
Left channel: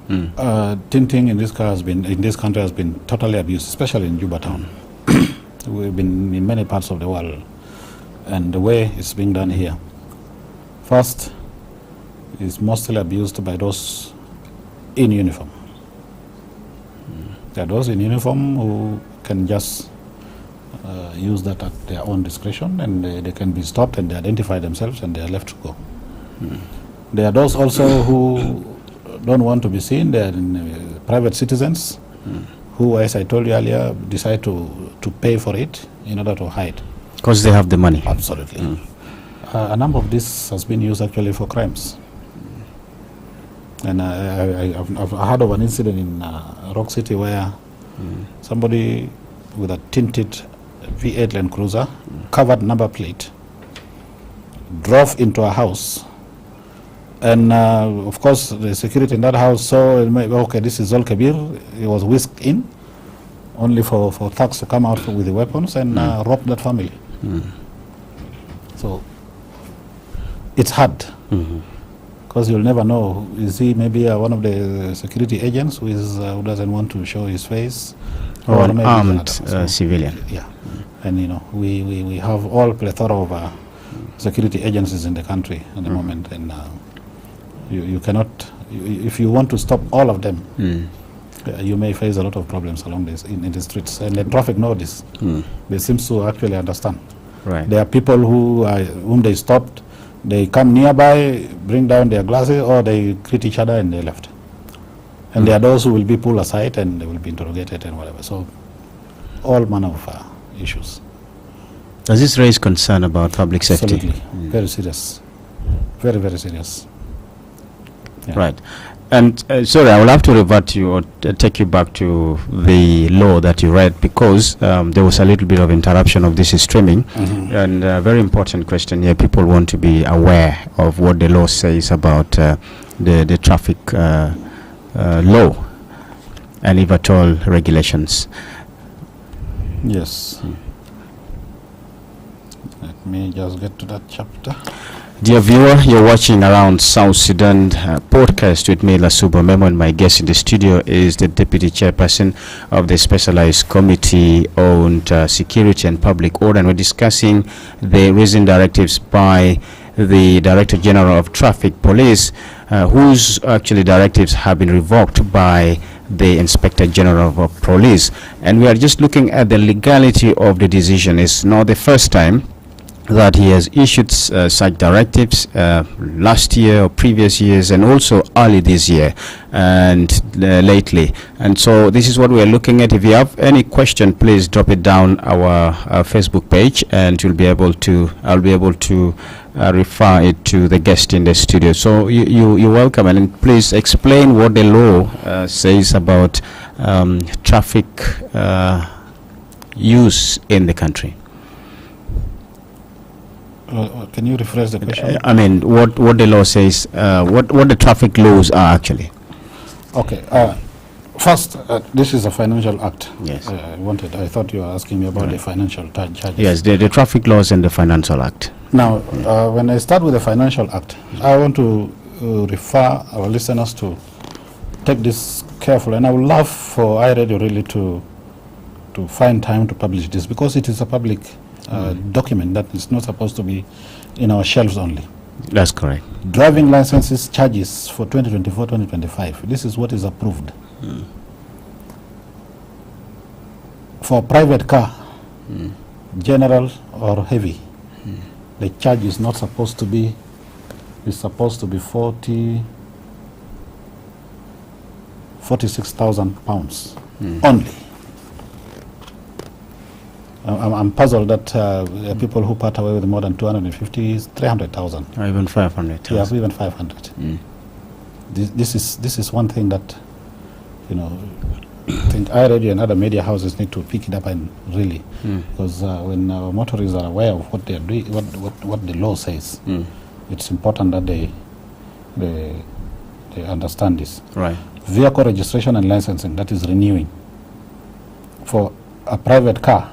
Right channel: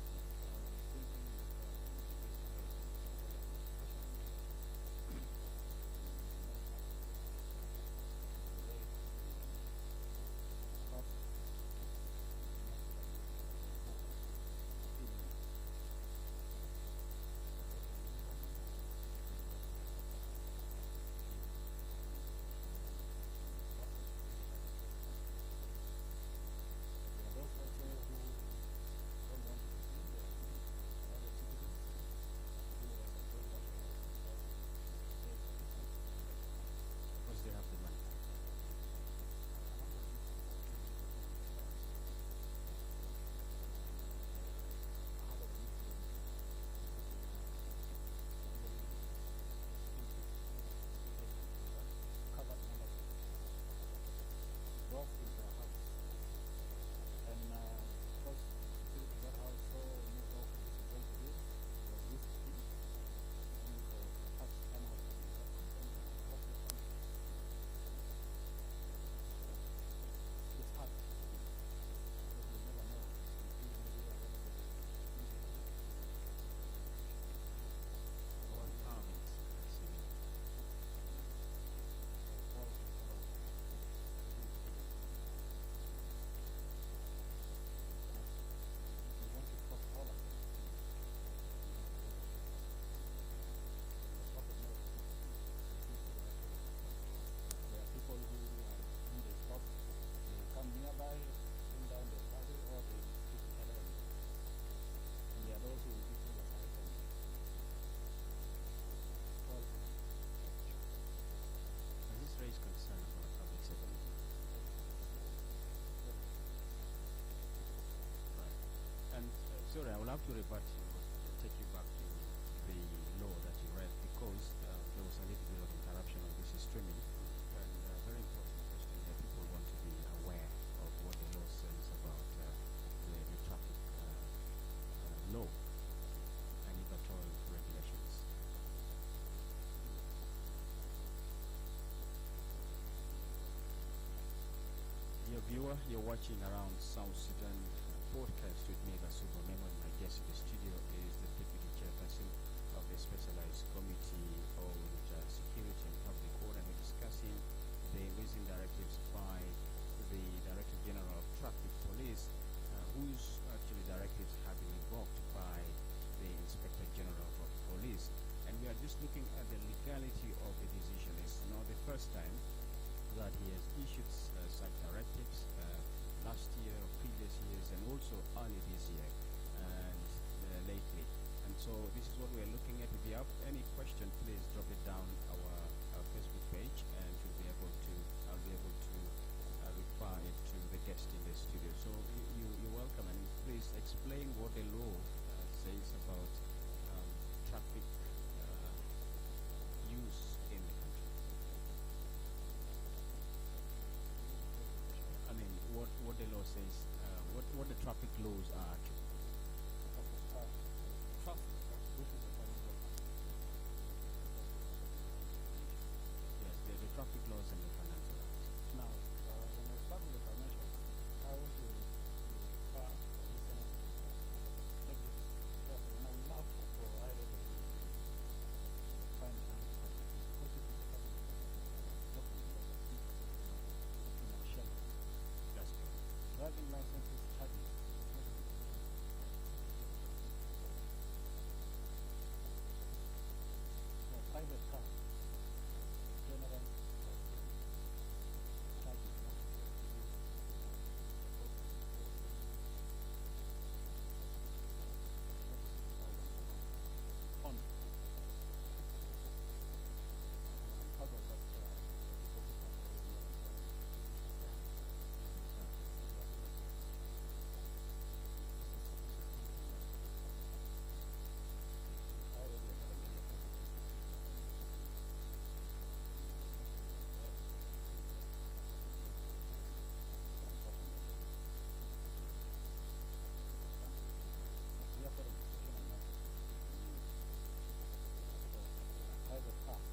tinting in this country has been totally abused, especially in Juba town. We've been in many parts of the world, and the way it's being done here, first, is mostly abused by those in uniform. There are those in uniform who can just use that at their own discretion, and they can be stopped and they identify themselves and they are left to go. There are those also who don't want to be seen. They are private citizens who, as I told you earlier, decide to pay for it in order to hide. Because they have the money. Absolutely. A number of this has been used actually for crimes. And I've heard of an incident in Rock City where somebody with a tinted V8 Land Cruiser, covered number plate, drove into a house. And of course, the security in that house saw, okay, this is Zol Kabir. He was whisked in, only for thugs to come out with the weapons and rob that family. So it's hard, because you'll never know. Is he maybe one of the security agents who doesn't want to show his face? Or an armed civilian. Yeah. And you know, we have all plethora of security agencies in the country at the moment, and you cannot, if you want to stop all of them, you may face a lot of problems along this in the streets. And the traffic know this. They seem to actually understand. Right. There are people whom they stopped. They come nearby, bring down their glasses, or they greet each other and they left. And there are those who will be pulled aside and they will be interrogated and whatever. So all manner of issues. Does this raise concern about public safety? Absolutely. Very serious. Very, very serious. Yeah. Right. And sorry, I will have to revert you or take you back to the law that you read, because there was a little bit of interruption of this streaming. And a very important question here. People want to be aware of what the law says about the traffic law and if at all regulations. Yes. Let me just get to that chapter. Dear viewer, you're watching Around South Sudan podcast with me, Lasuba Memo, and my guest in the studio is the Deputy Chairperson of the Specialized Committee on Security and Public Order, and we're discussing the recent directives by the Director General of Traffic Police, whose actually directives have been revoked by the Inspector General of Police. And we are just looking at the legality of the decision. It's not the first time that he has issued such directives last year or previous years, and also early this year and lately. And so this is what we are looking at. If you have any question, please drop it down our Facebook page, and I'll be able to refer it to the guest in the studio. So you're welcome, and please explain what the law says about traffic use in the country. Can you rephrase the question? I mean, what the law says, what the traffic laws are actually. Okay. First, this is a financial act. Yes. I thought you were asking me about the financial charges. Yes, the traffic laws and the financial act. Now, when I start with the financial act, I want to refer our listeners to take this carefully, and I would love for iRadio really to find time to publish this, because it is a public document that is not supposed to be in our shelves only. That's correct. Driving licenses charges for 2024-2025. This is what is approved. For a private car, general or heavy, the charge is not supposed to be, it's supposed to be 46,000 pounds only. I'm puzzled that people who part away with more than 250 is 300,000. Or even 500,000. Yeah, even 500. This is one thing that, you know, I think iRadio and other media houses need to pick it up and really, because when motorists are aware of what they are doing, what the law says, it's important that they understand this. Right. Vehicle registration and licensing, that is renewing. For a private car,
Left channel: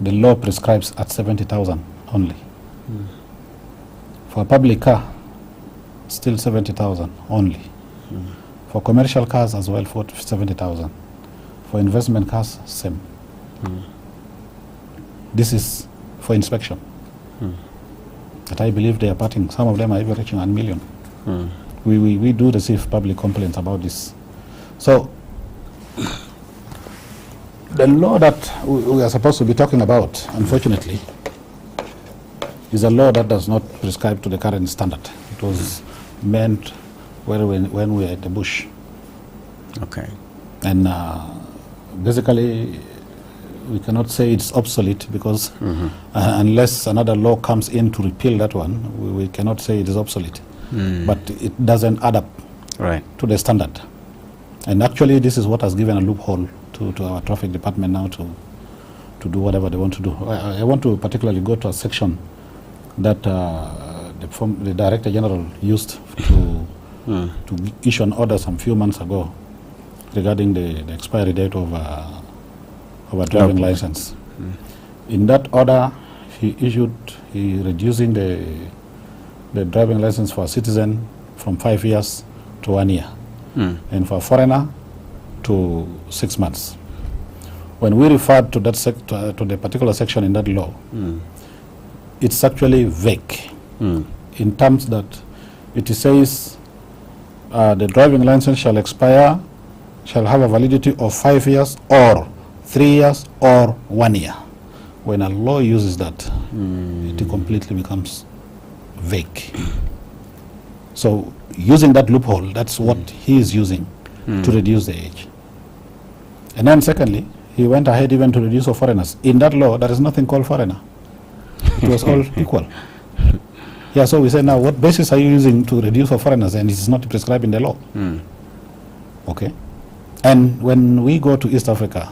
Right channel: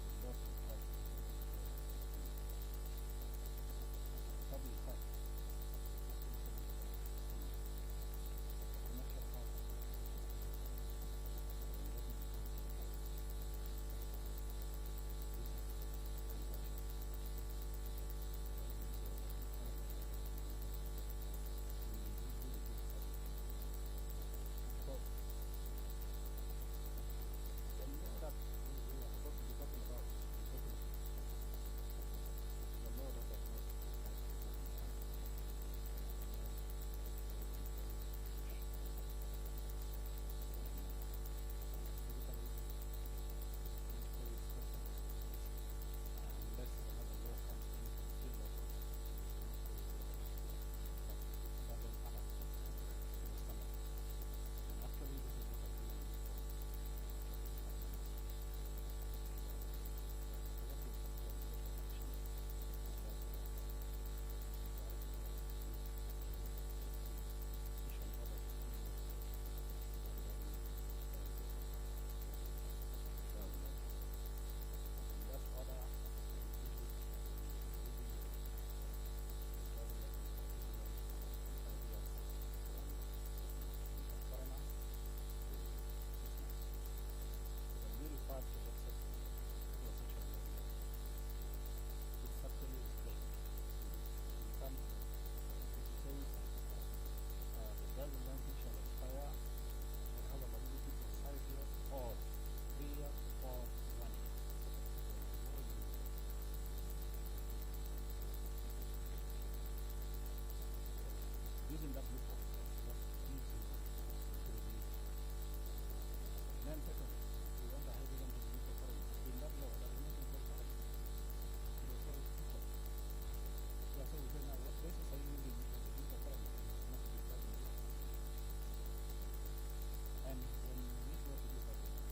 the law prescribes at 70,000 only. For a public car, still 70,000 only. For commercial cars as well, 70,000. For investment cars, same. This is for inspection. But I believe they are parting. Some of them are even reaching 1 million. We do receive public complaints about this. So the law that we are supposed to be talking about, unfortunately, is a law that does not prescribe to the current standard. It was meant when we were at the bush. Okay. And basically, we cannot say it's obsolete because unless another law comes in to repeal that one, we cannot say it is obsolete. But it doesn't add up to the standard. And actually, this is what has given a loophole to our traffic department now to do whatever they want to do. I want to particularly go to a section that the Director General used to issue an order some few months ago regarding the expiry date of a driving license. In that order, he reducing the driving license for a citizen from 5 years to 1 year, and for a foreigner to 6 months. When we referred to that to the particular section in that law, it's actually vague in terms that it says the driving license shall have a validity of 5 years or 3 years or 1 year. When a law uses that, it completely becomes vague. So using that loophole, that's what he is using to reduce the age. And then secondly, he went ahead even to reduce for foreigners. In that law, there is nothing called foreigner. It was all equal. Yeah, so we say now, what basis are you using to reduce for foreigners, and it is not prescribed in the law? Okay. And when we go to East Africa,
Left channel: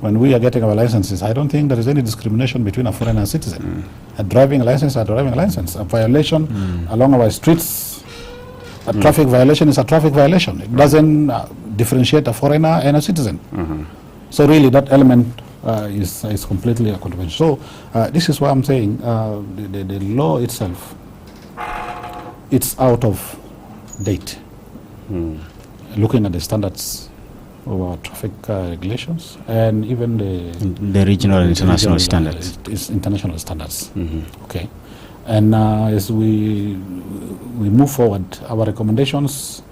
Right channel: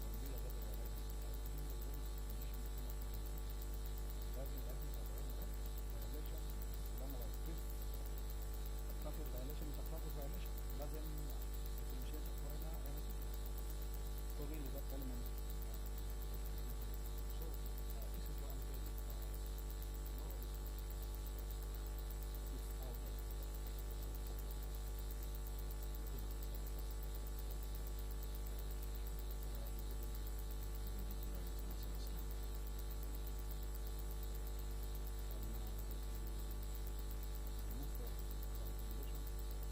when we are getting our licenses, I don't think there is any discrimination between a foreigner and a citizen. A driving license is a driving license. A violation along our streets, a traffic violation is a traffic violation. It doesn't differentiate a foreigner and a citizen. So really that element is completely a contradiction. So this is why I'm saying the law itself, it's out of date. Looking at the standards of our traffic regulations and even the regional and international standards. It's international standards. Okay. And as we move forward, our recommendations,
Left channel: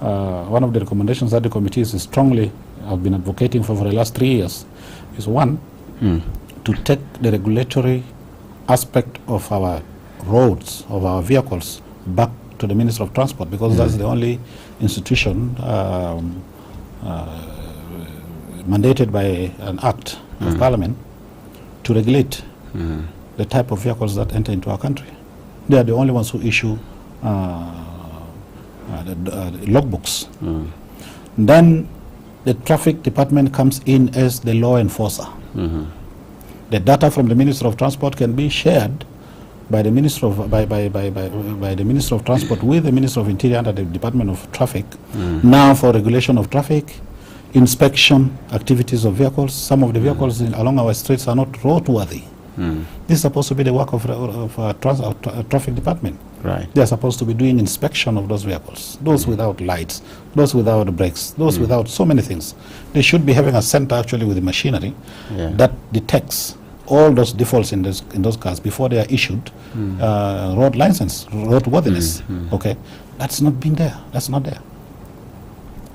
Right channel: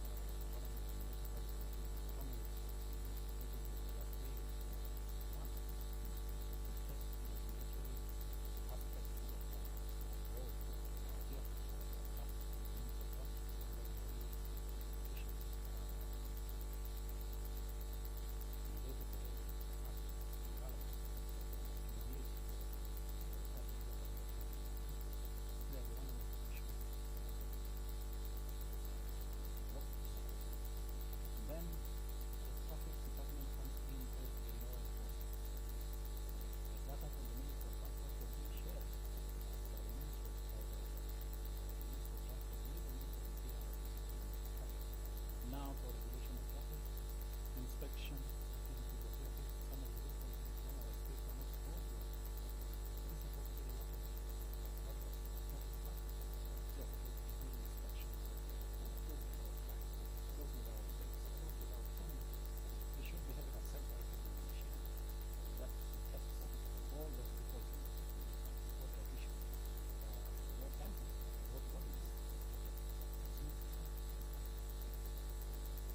one of the recommendations that the committees strongly have been advocating for the last 3 years is one, to take the regulatory aspect of our roads, of our vehicles, back to the Minister of Transport, because that's the only institution mandated by an act of Parliament to regulate the type of vehicles that enter into our country. They are the only ones who issue the logbooks. Then the traffic department comes in as the law enforcer. The data from the Minister of Transport can be shared by the Minister of by the Minister of Transport with the Minister of Interior under the Department of Traffic. Now for regulation of traffic, inspection activities of vehicles. Some of the vehicles along our streets are not roadworthy. This is supposed to be the work of traffic department. Right. They are supposed to be doing inspection of those vehicles, those without lights, those without brakes, those without so many things. They should be having a center actually with the machinery that detects all those defaults in those cars before they are issued road license, roadworthiness. Okay, that's not been there. That's not there.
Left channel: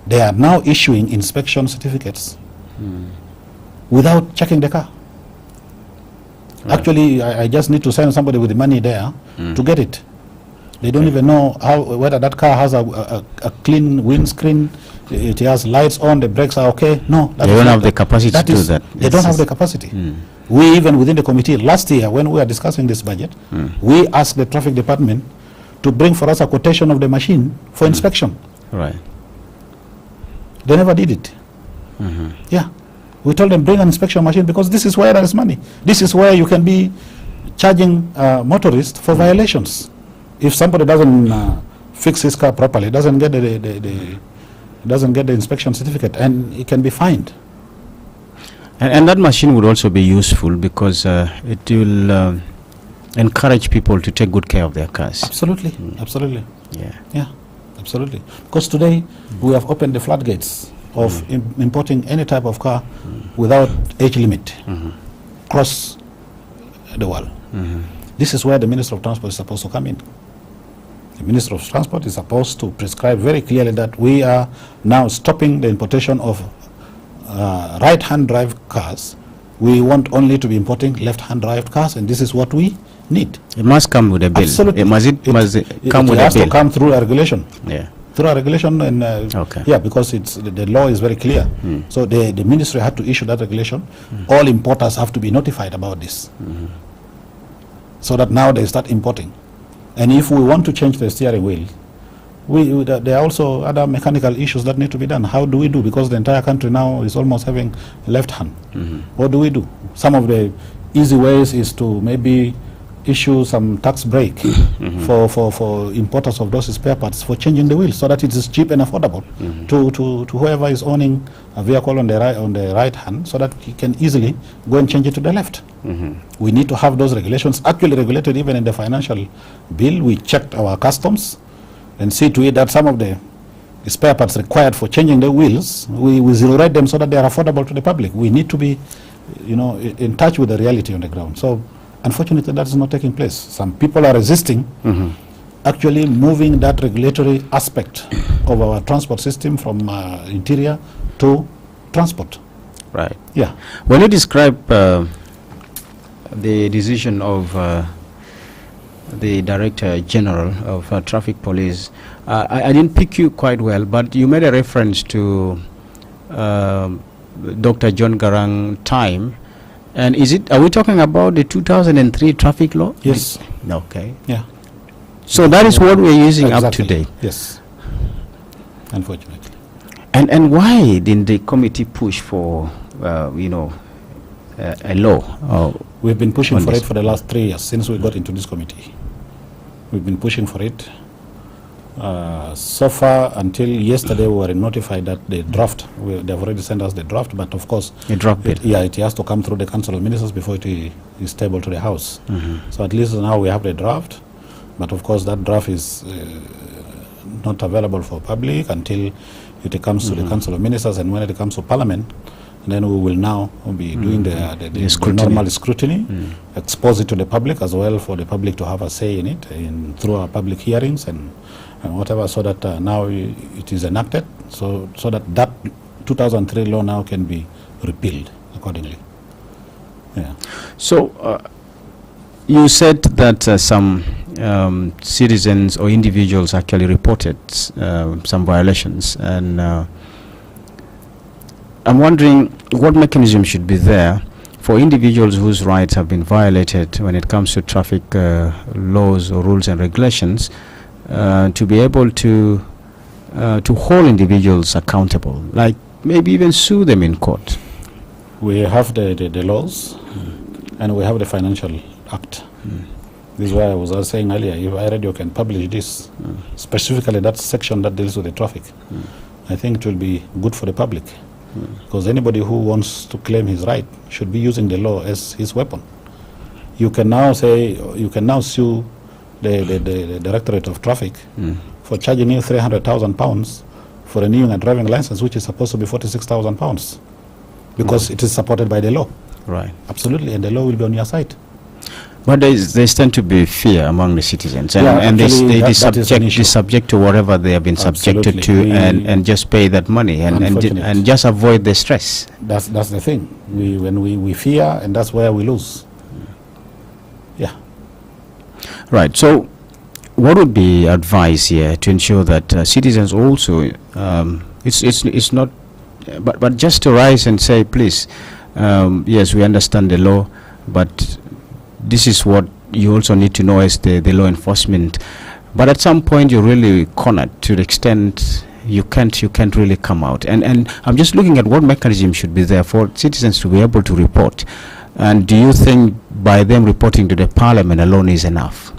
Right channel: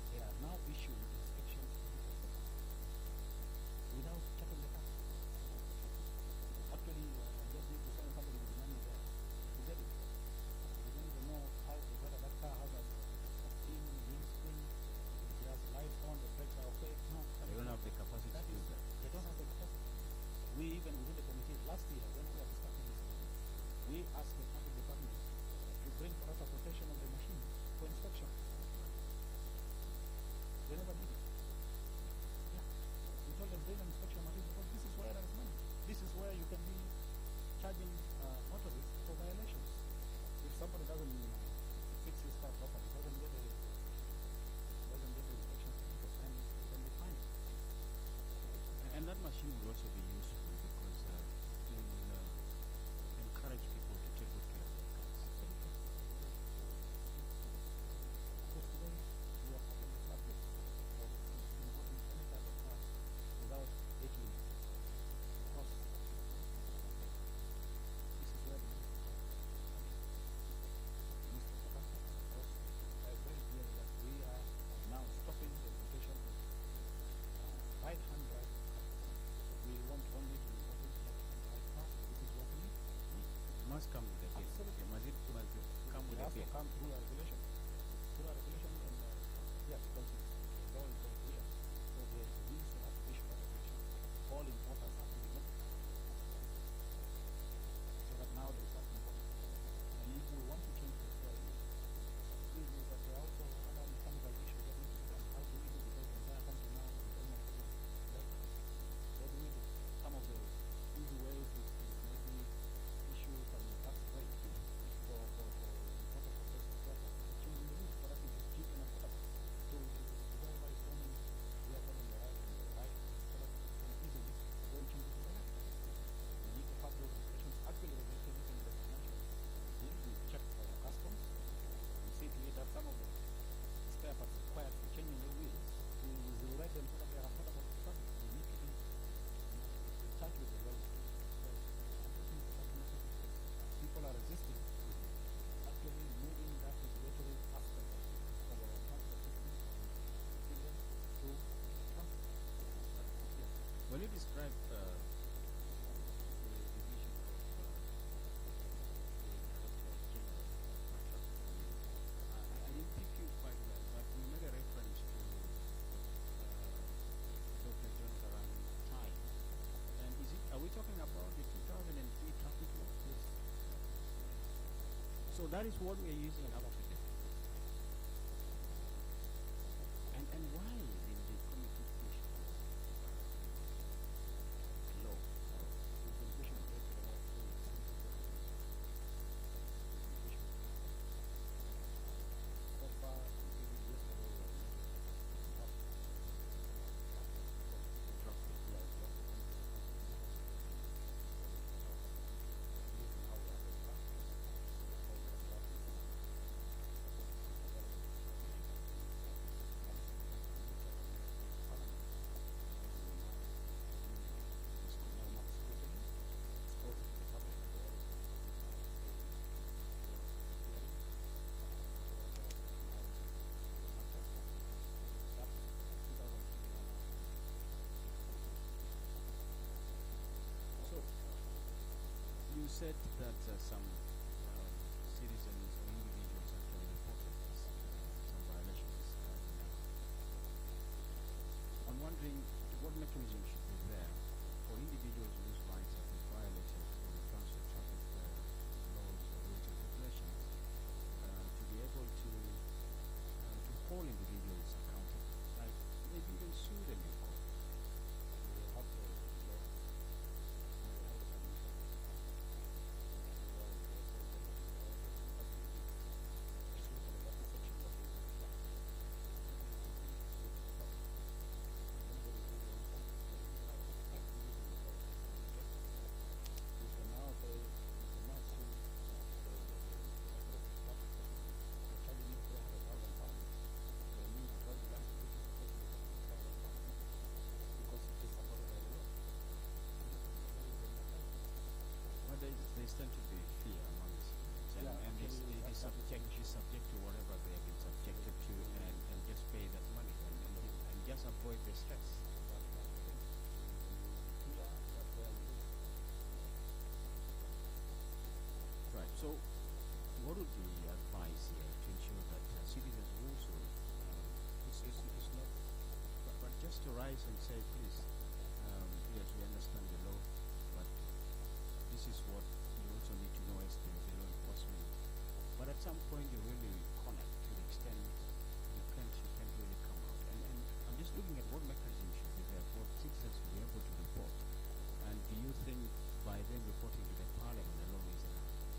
They are now issuing inspection certificates without checking the car. Right. Actually, I just need to send somebody with the money there to get it. They don't even know whether that car has a clean windscreen, it has lights on, the brakes are okay. No, they don't have the capacity to do that. They don't have the capacity. We even within the committee last year when we were discussing this budget, we asked the traffic department to bring for us a quotation of the machine for inspection. Right. They never did it. Yeah. We told them bring an inspection machine because this is where there is money. This is where you can be charging motorists for violations. If somebody doesn't fix his car properly, doesn't get the inspection certificate, and it can be fined. And that machine would also be useful because it will encourage people to take good care of their cars. Absolutely, absolutely. Yeah. Yeah. Absolutely. Because today we have opened the floodgates of importing any type of car without age limit across the world. This is where the Minister of Transport is supposed to come in. The Minister of Transport is supposed to prescribe very clearly that we are now stopping the importation of right-hand drive cars. We want only to be importing left-hand drive cars, and this is what we need. It must come with a bill. Absolutely. It must come with a has bill. to come through a regulation. Yeah. Through a regulation, and Okay. yeah, because it's the law is very clear. So the ministry had to issue that regulation. All importers have to be notified about this, so that now they start importing. And if we want to change the steering wheel, there are also other mechanical issues that need to be done. How do we do? Because the entire country now is almost having left hand. What do we do? Some of the easy ways is to maybe issue some tax break for importers of those spare parts for changing the wheels, so that it is cheap and affordable to whoever is owning a vehicle on the right hand, so that he can easily go and change it to the left. We need to have those regulations actually regulated. Even in the financial bill, we checked our customs and see to it that some of the spare parts required for changing the wheels, we zero rate them so that they are affordable to the public. We need to be, in touch with the reality on the ground. So unfortunately, that is not taking place. Some people are resisting actually moving that regulatory aspect of our transport system from interior to transport. Right. Yeah. When you describe the decision of the Director General of Traffic Police, I didn't pick you quite well, but you made a reference to Dr. John Garang time. And are we talking about the 2003 traffic law? Yes. Okay. Yeah. So that is what we're using up Exactly. to date. Yes. Unfortunately. And why didn't the committee push for, a law? We've been pushing for this. it for the last 3 years since we got into this committee. We've been pushing for it. So far, until yesterday, we were notified that the draft, they've already sent us the draft, but of course, A draft bill. it has to come through the Council of Ministers before it is tabled to the House. So at least now we have the draft, but of course that draft is not available for public until it comes to the Council of Ministers, and when it comes to Parliament, then we will now be doing the scrutiny. normal scrutiny, expose it to the public as well, for the public to have a say in it, through our public hearings and whatever, so that now it is enacted, so that 2003 law now can be repealed accordingly. Yeah. So you said that some citizens or individuals actually reported some violations, and I'm wondering what mechanism should be there for individuals whose rights have been violated when it comes to traffic laws or rules and regulations, to be able to hold individuals accountable, like maybe even sue them in court. We have the laws, and we have the Financial Act. This is why I was saying earlier, if iRadio can publish this, specifically that section that deals with the traffic, I think it will be good for the public. Because anybody who wants to claim his right should be using the law as his weapon. You can now sue the Directorate of Traffic for charging you £300,000 for renewing a driving license, which is supposed to be £46,000, because it is supported by the law. Right. Absolutely, and the law will be on your side. But there tend to be fear among the citizens, and, Yeah, and actually, they that is an issue. subject to whatever they have been subjected to, Absolutely. and just pay that money and just avoid the stress. That's the thing. When we fear, and that's where we lose. Yeah. Right. So, what would be advice here to ensure that citizens also, it's not, but just to rise and say, please, yes, we understand the law, but this is what you also need to know as the law enforcement. But at some point, you're really cornered to the extent you can't really come out. And I'm just looking at what mechanism should be there for citizens to be able to report. And do you think by them reporting to the Parliament alone is enough?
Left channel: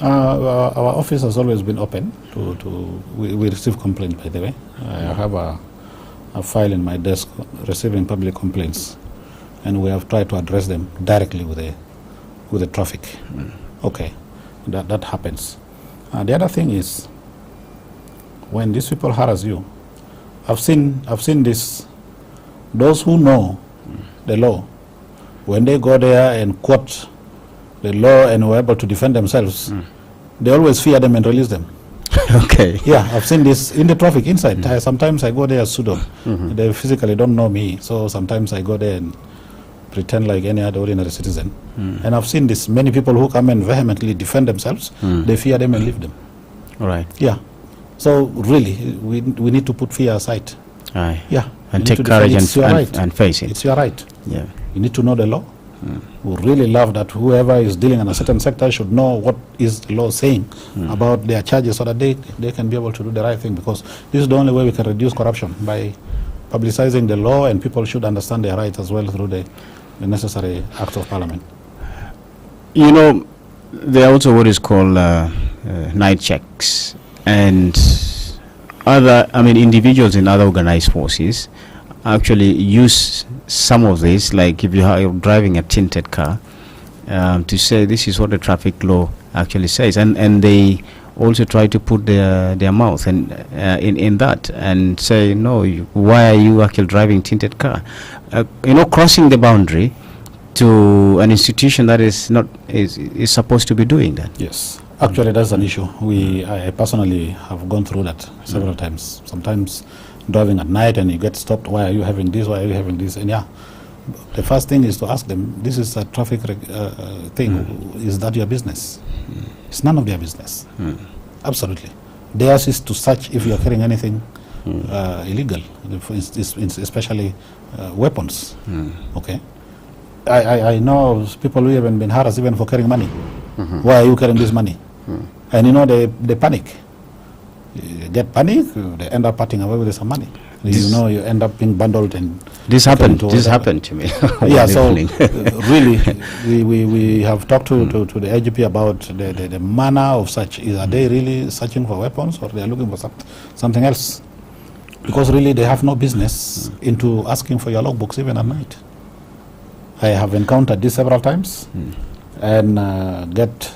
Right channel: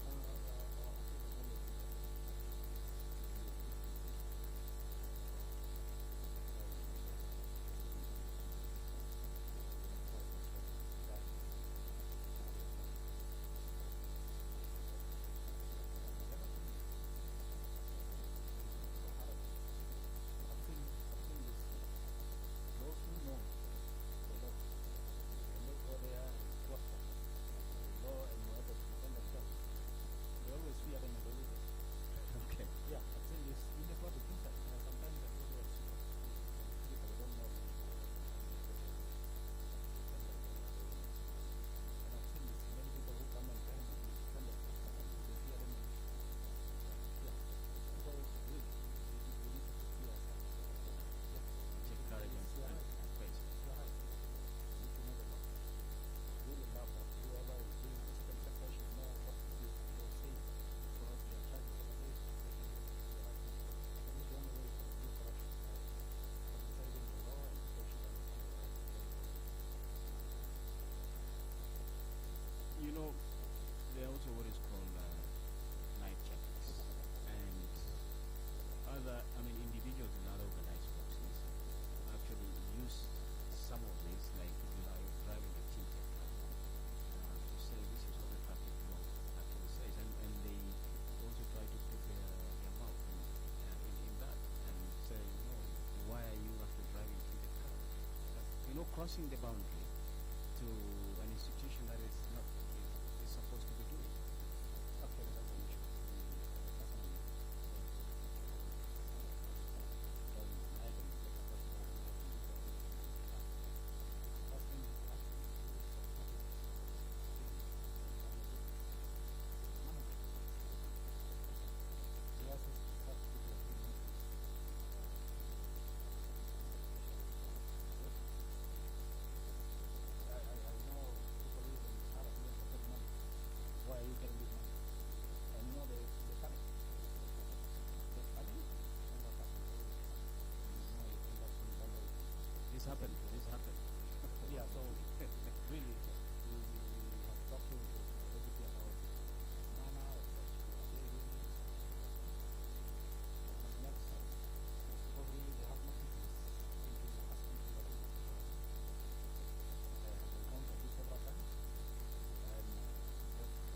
Our office has always been open we receive complaints, by the way. I have a file in my desk receiving public complaints, and we have tried to address them directly with the traffic. Okay, that happens. The other thing is, when these people harass you, I've seen this. Those who know the law, when they go there and quote the law and were able to defend themselves, they always fear them and release them. Okay. Yeah, I've seen this in the traffic inside. Sometimes I go there as pseudo. They physically don't know me, so sometimes I go there and pretend like any other ordinary citizen. And I've seen this. Many people who come and vehemently defend themselves, they fear them and leave them. All right. Yeah. So really, we need to put fear aside. Aye. Yeah. And take courage and face it. It's your right. Yeah. You need to know the law. We really love that whoever is dealing in a certain sector should know what is the law saying about their charges, so that they can be able to do the right thing, because this is the only way we can reduce corruption, by publicizing the law, and people should understand their rights as well through the necessary acts of parliament. You know, there are also what is called night checks, and individuals in other organized forces actually use some of this, like if you're driving a tinted car, to say this is what the traffic law actually says, and they also try to put their mouth in that and say, no, why are you actually driving tinted car? Crossing the boundary to an institution that is supposed to be doing that. Yes, actually that's an issue. I personally have gone through that several times. Sometimes driving at night and you get stopped. Why are you having this? Why are you having this? And yeah, the first thing is to ask them, this is a traffic thing. Is that your business? It's none of their business. Absolutely. Theirs is to search if you are carrying anything illegal, especially weapons. Okay. I know people who have been harassed even for carrying money. Why are you carrying this money? And they panic. You get panic, they end up parting away with some money. You end up being bundled and this happened to me. Yeah, so really we have talked to the IGP about the manner of search. Are they really searching for weapons, or they are looking for something else? Because really they have no business into asking for your logbooks even at night. I have encountered this several times, and get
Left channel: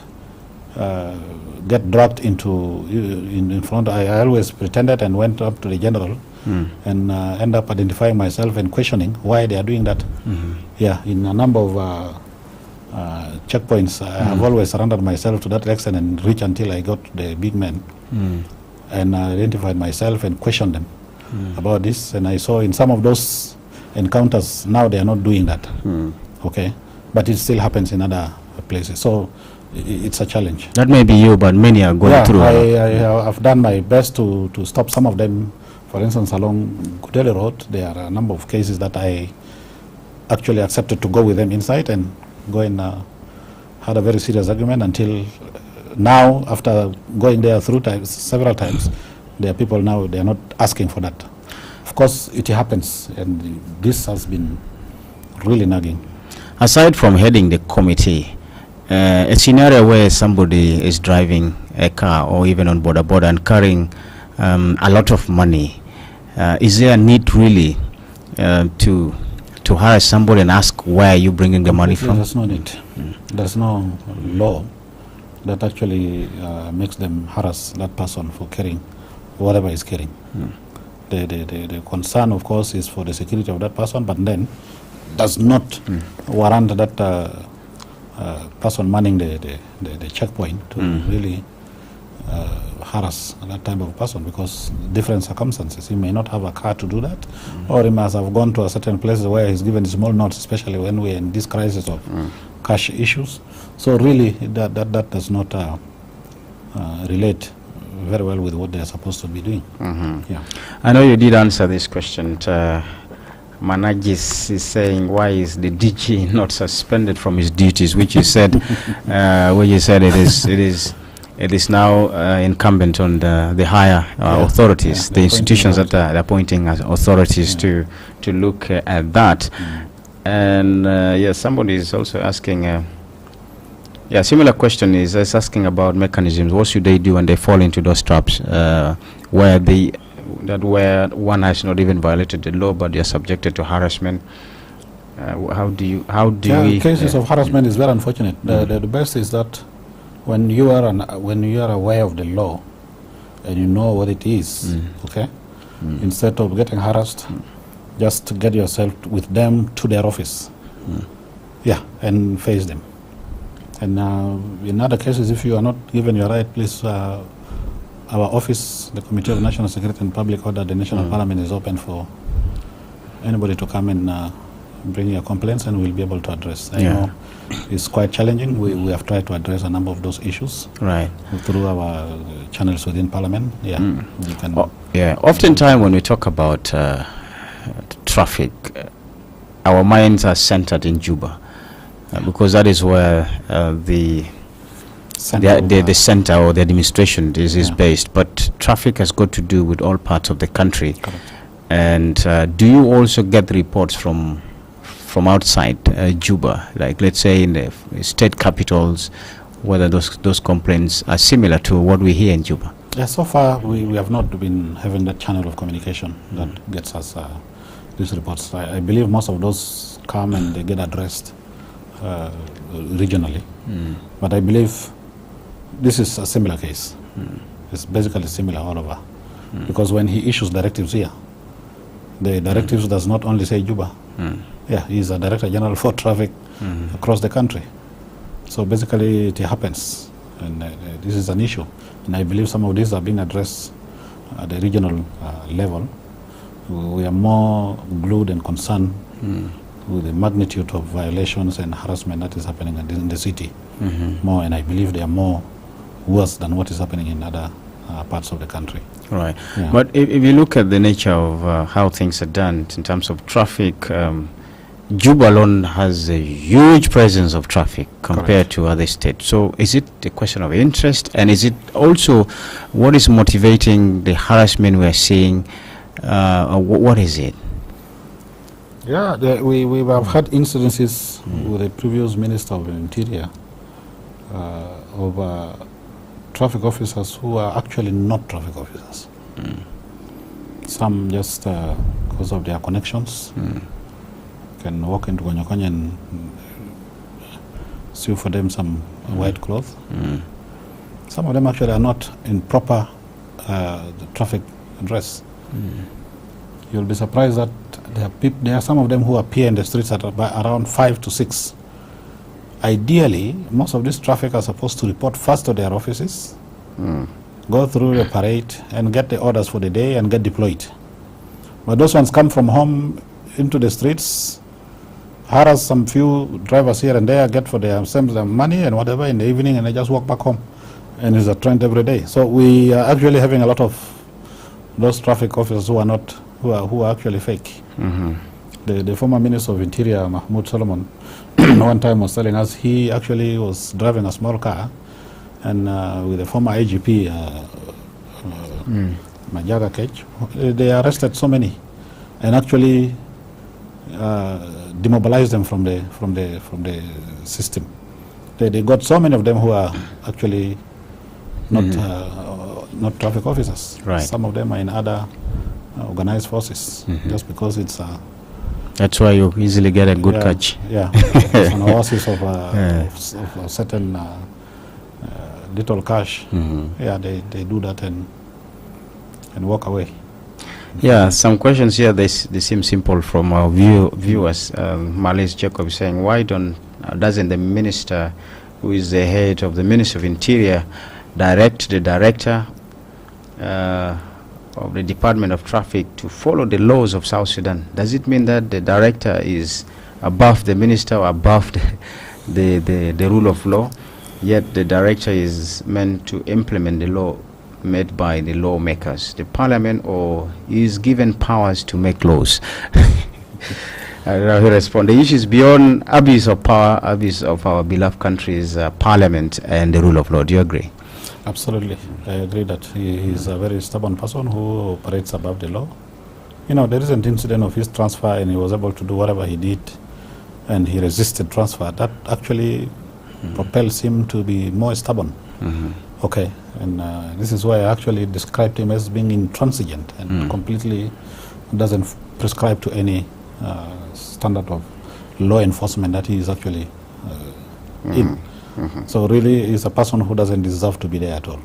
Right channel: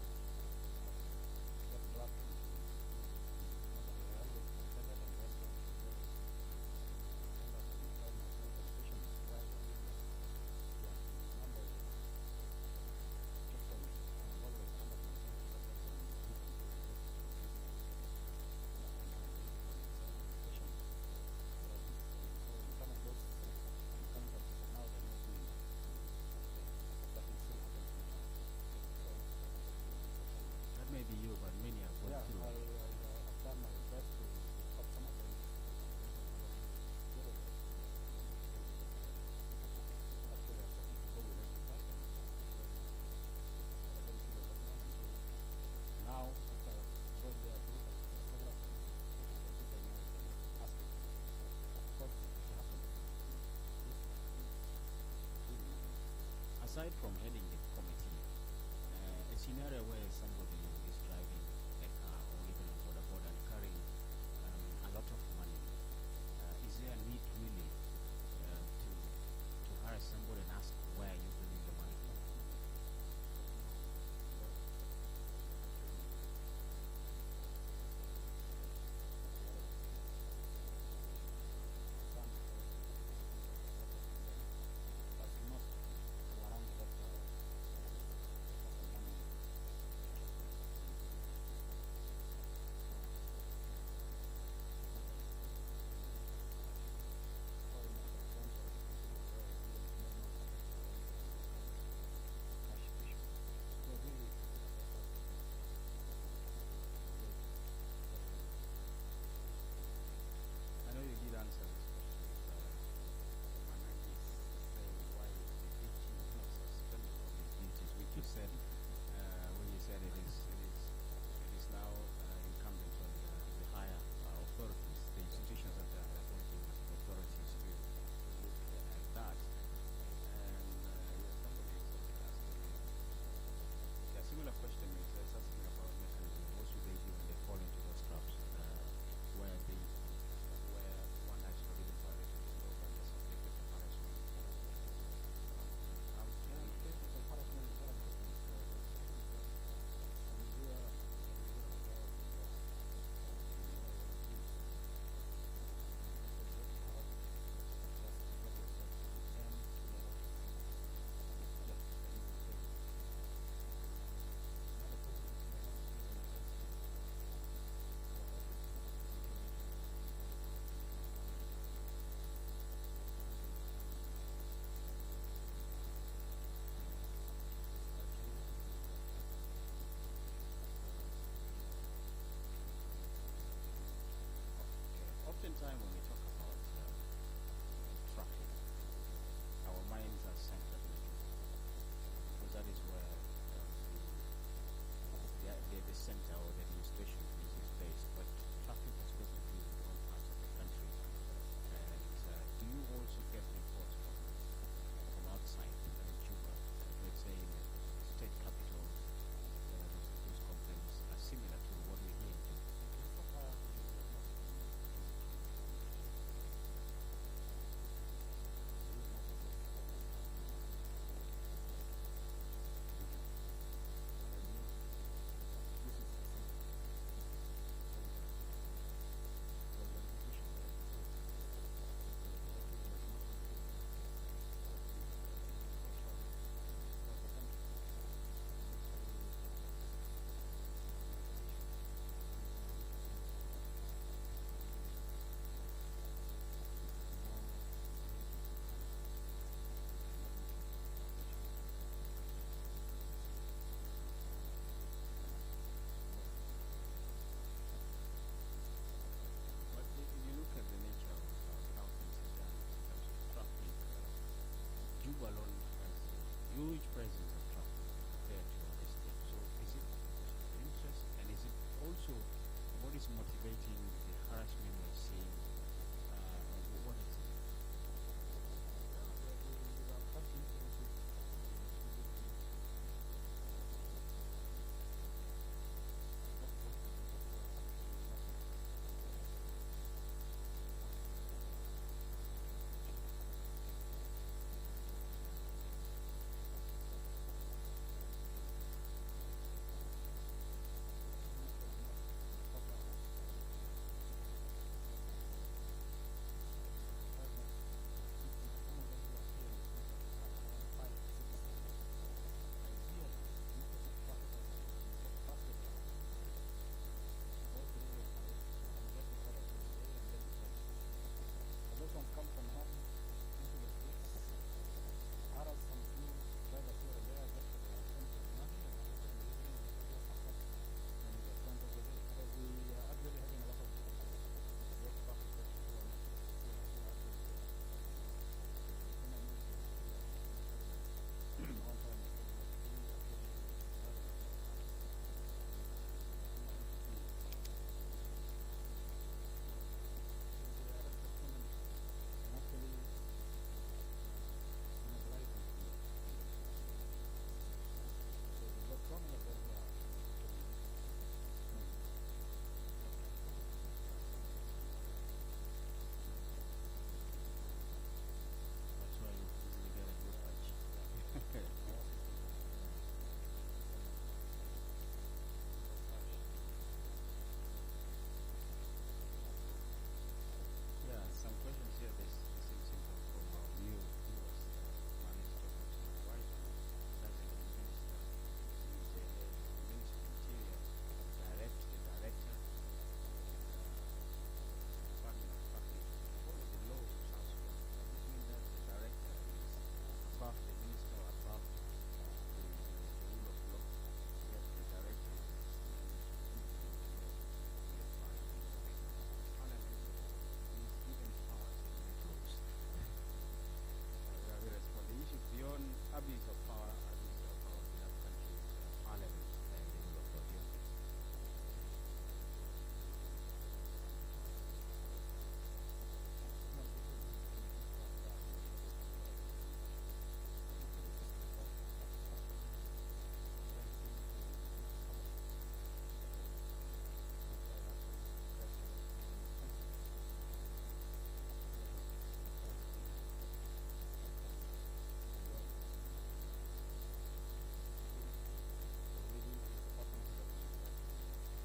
dragged in front. I always pretended and went up to the general and end up identifying myself and questioning why they are doing that. Yeah, in a number of checkpoints, I have always surrendered myself to that extent and reach until I got the big men and identified myself and questioned them about this. And I saw in some of those encounters, now they are not doing that. Okay, but it still happens in other places. So it's a challenge. That may be you, but many are going through. I've done my best to stop some of them. For instance, along Kudele Road, there are a number of cases that I actually accepted to go with them inside and go and had a very serious argument until now, after going there several times, there are people now, they are not asking for that. Of course, it happens, and this has been really nagging. Aside from heading the committee, a scenario where somebody is driving a car or even on border and carrying a lot of money, is there a need really to harass somebody and ask where are you bringing the money from? There's no need. There's no law that actually makes them harass that person for carrying whatever he's carrying. The concern, of course, is for the security of that person, but then does not warrant that person manning the checkpoint to really harass that type of person, because different circumstances. He may not have a car to do that, or he must have gone to a certain place where he's given small notes, especially when we're in this crisis of cash issues. So really, that does not relate very well with what they're supposed to be doing. Yeah. I know you did answer this question. Managis is saying, why is the DG not suspended from his duties, which you said, it is now incumbent on the higher authorities, the institutions that are appointing as authorities to look at that. And somebody is also asking, similar question is asking about mechanisms. What should they do when they fall into those traps, where one has not even violated the law, but they are subjected to harassment? How do we? Cases of harassment is very unfortunate. The best is that when you are aware of the law, and you know what it is, okay? Instead of getting harassed, just get yourself with them to their office. Yeah, and face them. And in other cases, if you are not given your right, please, our office, the Committee of National Security and Public Order, the National Parliament is open for anybody to come and bring your complaints, and we'll be able to address. I know it's quite challenging. We have tried to address a number of those issues through our channels within Parliament. Yeah, we can. Oftentimes when we talk about traffic, our minds are centered in Juba, because that is where the center or the administration is based. But traffic has got to do with all parts of the country. Correct. And do you also get reports from outside Juba, like let's say in the state capitals, whether those complaints are similar to what we hear in Juba? Yeah, so far we have not been having that channel of communication that gets us these reports. I believe most of those come and they get addressed regionally. But I believe this is a similar case. It's basically similar all over. Because when he issues directives here, the directives does not only say Juba. Yeah, he's a Director General for Traffic across the country. So basically it happens, and this is an issue. And I believe some of these are being addressed at the regional level. We are more glued and concerned with the magnitude of violations and harassment that is happening in the city more, and I believe they are more worse than what is happening in other parts of the country. Right. Yeah. But if you look at the nature of how things are done in terms of traffic, Juba alone has a huge presence of traffic compared to other states. So is it a question of interest, and is it also what is motivating the harassment we're seeing? What is it? Yeah, we have had incidences with the previous Minister of the Interior of traffic officers who are actually not traffic officers. Some just because of their connections can walk into Gonyokonyo and sue for them some white cloth. Some of them actually are not in proper traffic dress. You'll be surprised that there are some of them who appear in the streets at around 5 to 6. Ideally, most of this traffic are supposed to report first to their offices, go through the parade and get the orders for the day and get deployed. But those ones come from home into the streets, harass some few drivers here and there, get for themselves their money and whatever in the evening, and they just walk back home. And it's a trend every day. So we are actually having a lot of those traffic officers who are actually fake. The former Minister of Interior, Mahmoud Solomon, one time was telling us he actually was driving a small car, and with the former IGP, Majaga Cage, they arrested so many, and actually demobilized them from the system. They got so many of them who are actually not traffic officers. Right. Some of them are in other organized forces, just because it's That's why you easily get a good catch. Yeah, it's an oasis of a certain little cash. Yeah, they do that and walk away. Yeah, some questions here, they seem simple from our viewers. Malis Jacob is saying, why doesn't the minister, who is the head of the Ministry of Interior, direct the director of the Department of Traffic to follow the laws of South Sudan? Does it mean that the director is above the minister or above the rule of law, yet the director is meant to implement the law made by the lawmakers, the parliament, or is given powers to make laws? I don't know how to respond. The issue is beyond abuse of power, abuse of our beloved country's parliament and the rule of law. Do you agree? Absolutely. I agree that he is a very stubborn person who operates above the law. You know, there is an incident of his transfer, and he was able to do whatever he did, and he resisted transfer. That actually propels him to be more stubborn. Okay, and this is why I actually described him as being intransigent and completely doesn't prescribe to any standard of law enforcement that he is actually in. So really, he's a person who doesn't deserve to be there at all.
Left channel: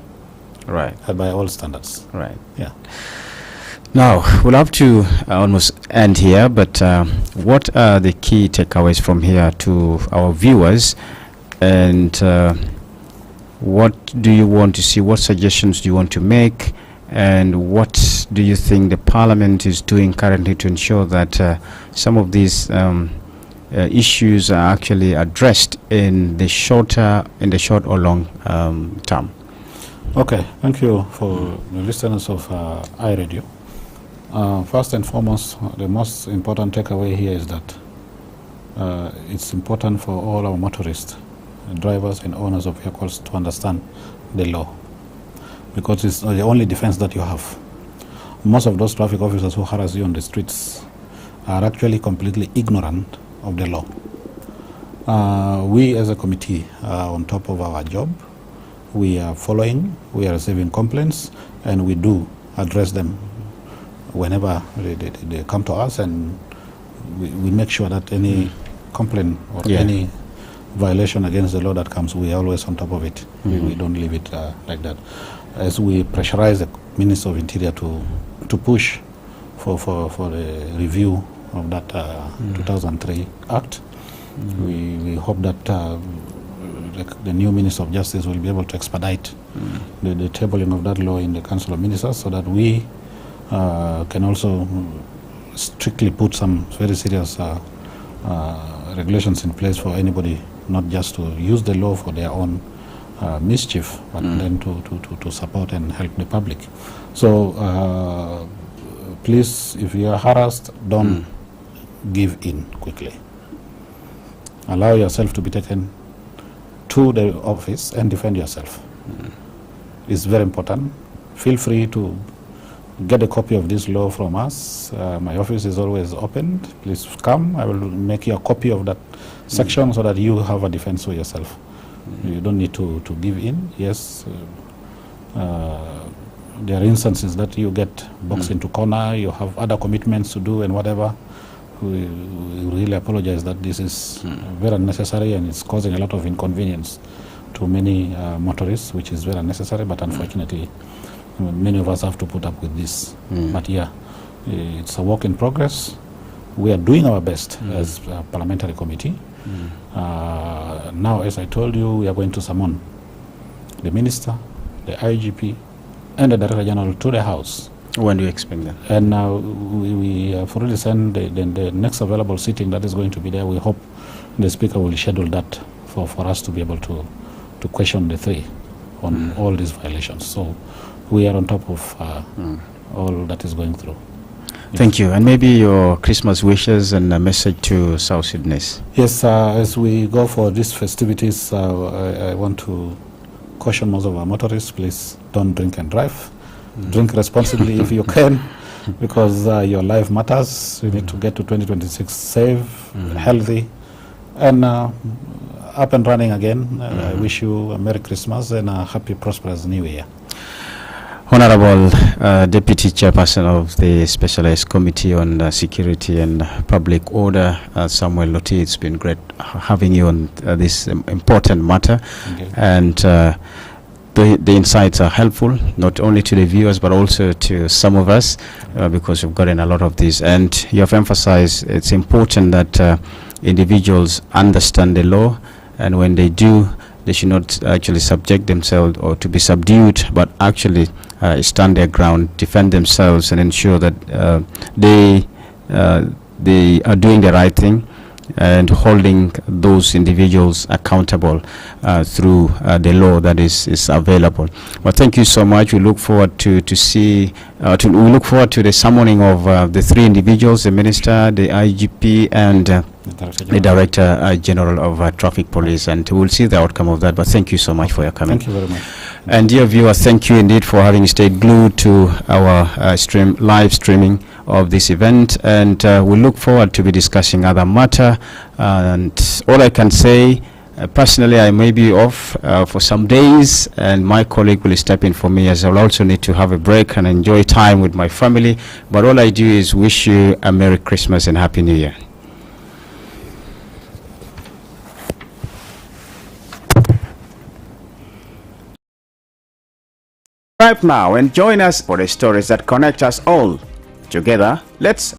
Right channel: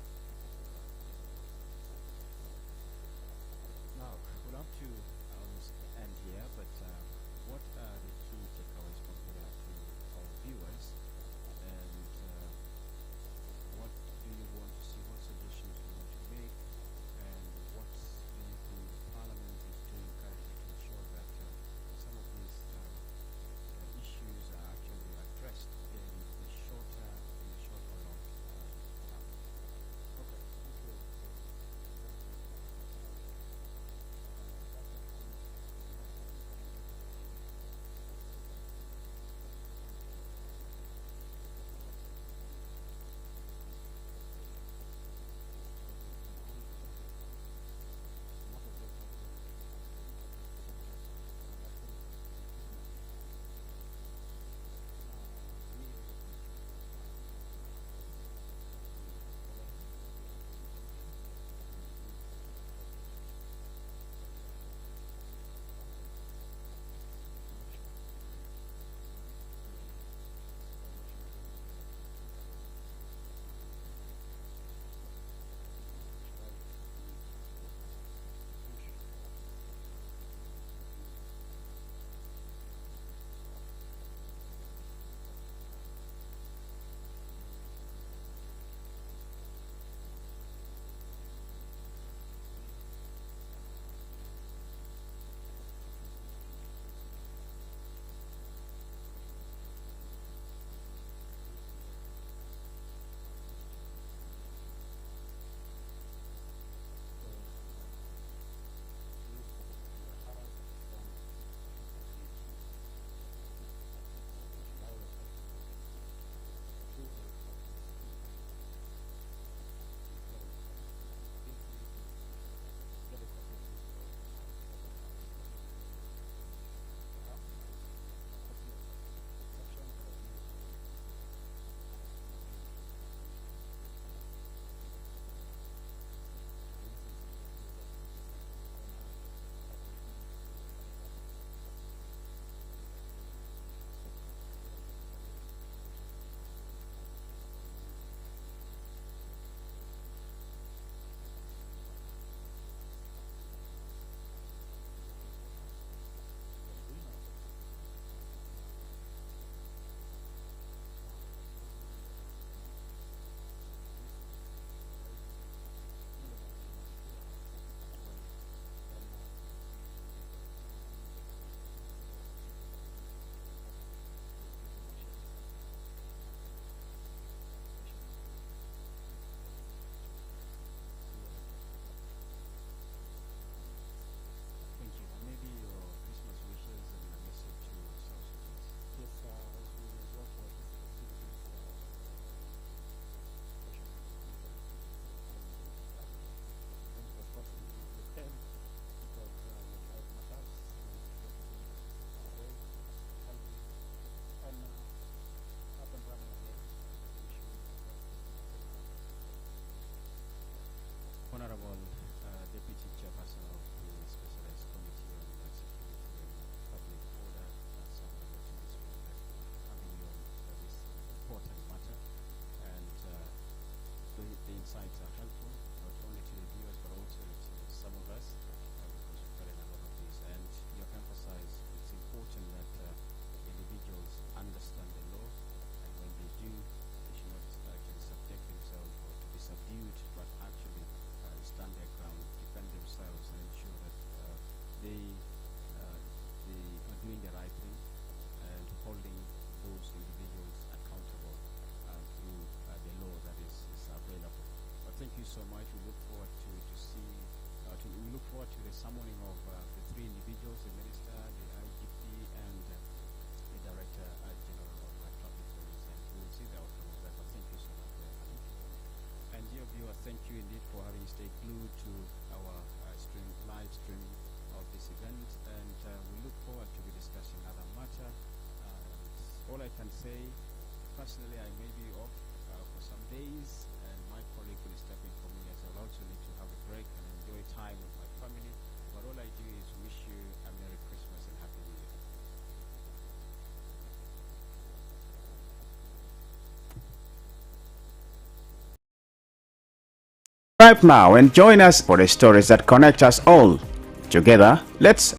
Right. by all standards. Right. Yeah. Now, we'll have to almost end here, but what are the key takeaways from here to our viewers? And what do you want to see? What suggestions do you want to make? And what do you think the Parliament is doing currently to ensure that some of these issues are actually addressed in the short or long term? Okay, thank you for the listeners of iRadio. First and foremost, the most important takeaway here is that it's important for all our motorists, drivers and owners of vehicles to understand the law, because it's the only defense that you have. Most of those traffic officers who harass you on the streets are actually completely ignorant of the law. We as a committee are on top of our job. We are following, we are receiving complaints, and we do address them whenever they come to us, and we make sure that any complaint or any violation against the law that comes, we are always on top of it. We don't leave it like that. As we pressurize the Minister of Interior to push for the review of that 2003 Act, we hope that the new Minister of Justice will be able to expedite the tabling of that law in the Council of Ministers, so that we can also strictly put some very serious regulations in place for anybody, not just to use the law for their own mischief, but then to support and help the public. So please, if you are harassed, don't give in quickly. Allow yourself to be taken to the office and defend yourself. It's very important. Feel free to get a copy of this law from us. My office is always open. Please come. I will make you a copy of that section so that you have a defense for yourself. You don't need to give in. Yes, there are instances that you get boxed into corner, you have other commitments to do and whatever. We really apologize that this is very unnecessary, and it's causing a lot of inconvenience to many motorists, which is very unnecessary, but unfortunately many of us have to put up with this. But yeah, it's a work in progress. We are doing our best as a parliamentary committee. Now, as I told you, we are going to summon the minister, the IGP, and the Director General to the House. When do you expect that? And we have already sent the next available sitting that is going to be there. We hope the Speaker will schedule that for us to be able to question the three on all these violations. So we are on top of all that is going through. Thank you. And maybe your Christmas wishes and a message to South Sudanese. Yes, as we go for these festivities, I want to caution most of our motorists, please don't drink and drive. Drink responsibly if you can, because your life matters. You need to get to 2026 safe, healthy, and up and running again. I wish you a Merry Christmas and a happy, prosperous New Year. Honorable Deputy Chairperson of the Specialized Committee on Security and Public Order, Samuel Loti, it's been great having you on this important matter. And the insights are helpful, not only to the viewers, but also to some of us, because we've gotten a lot of these. And you have emphasized it's important that individuals understand the law, and when they do, they should not actually subject themselves or to be subdued, but actually stand their ground, defend themselves, and ensure that they are doing the right thing and holding those individuals accountable through the law that is available. Well, thank you so much. We look forward to we look forward to the summoning of the three individuals: the minister, the IGP, and the Director General of Traffic Police, and we'll see the outcome of that. But thank you so much for your coming. Thank you very much. And dear viewers, thank you indeed for having stayed glued to our live streaming of this event, and we look forward to be discussing other matter. And all I can say, personally, I may be off for some days, and my colleague will step in for me, as I'll also need to have a break and enjoy time with my family. But all I do is wish you a Merry Christmas and Happy New Year. Subscribe now and join us for the stories that connect us all. Together, let's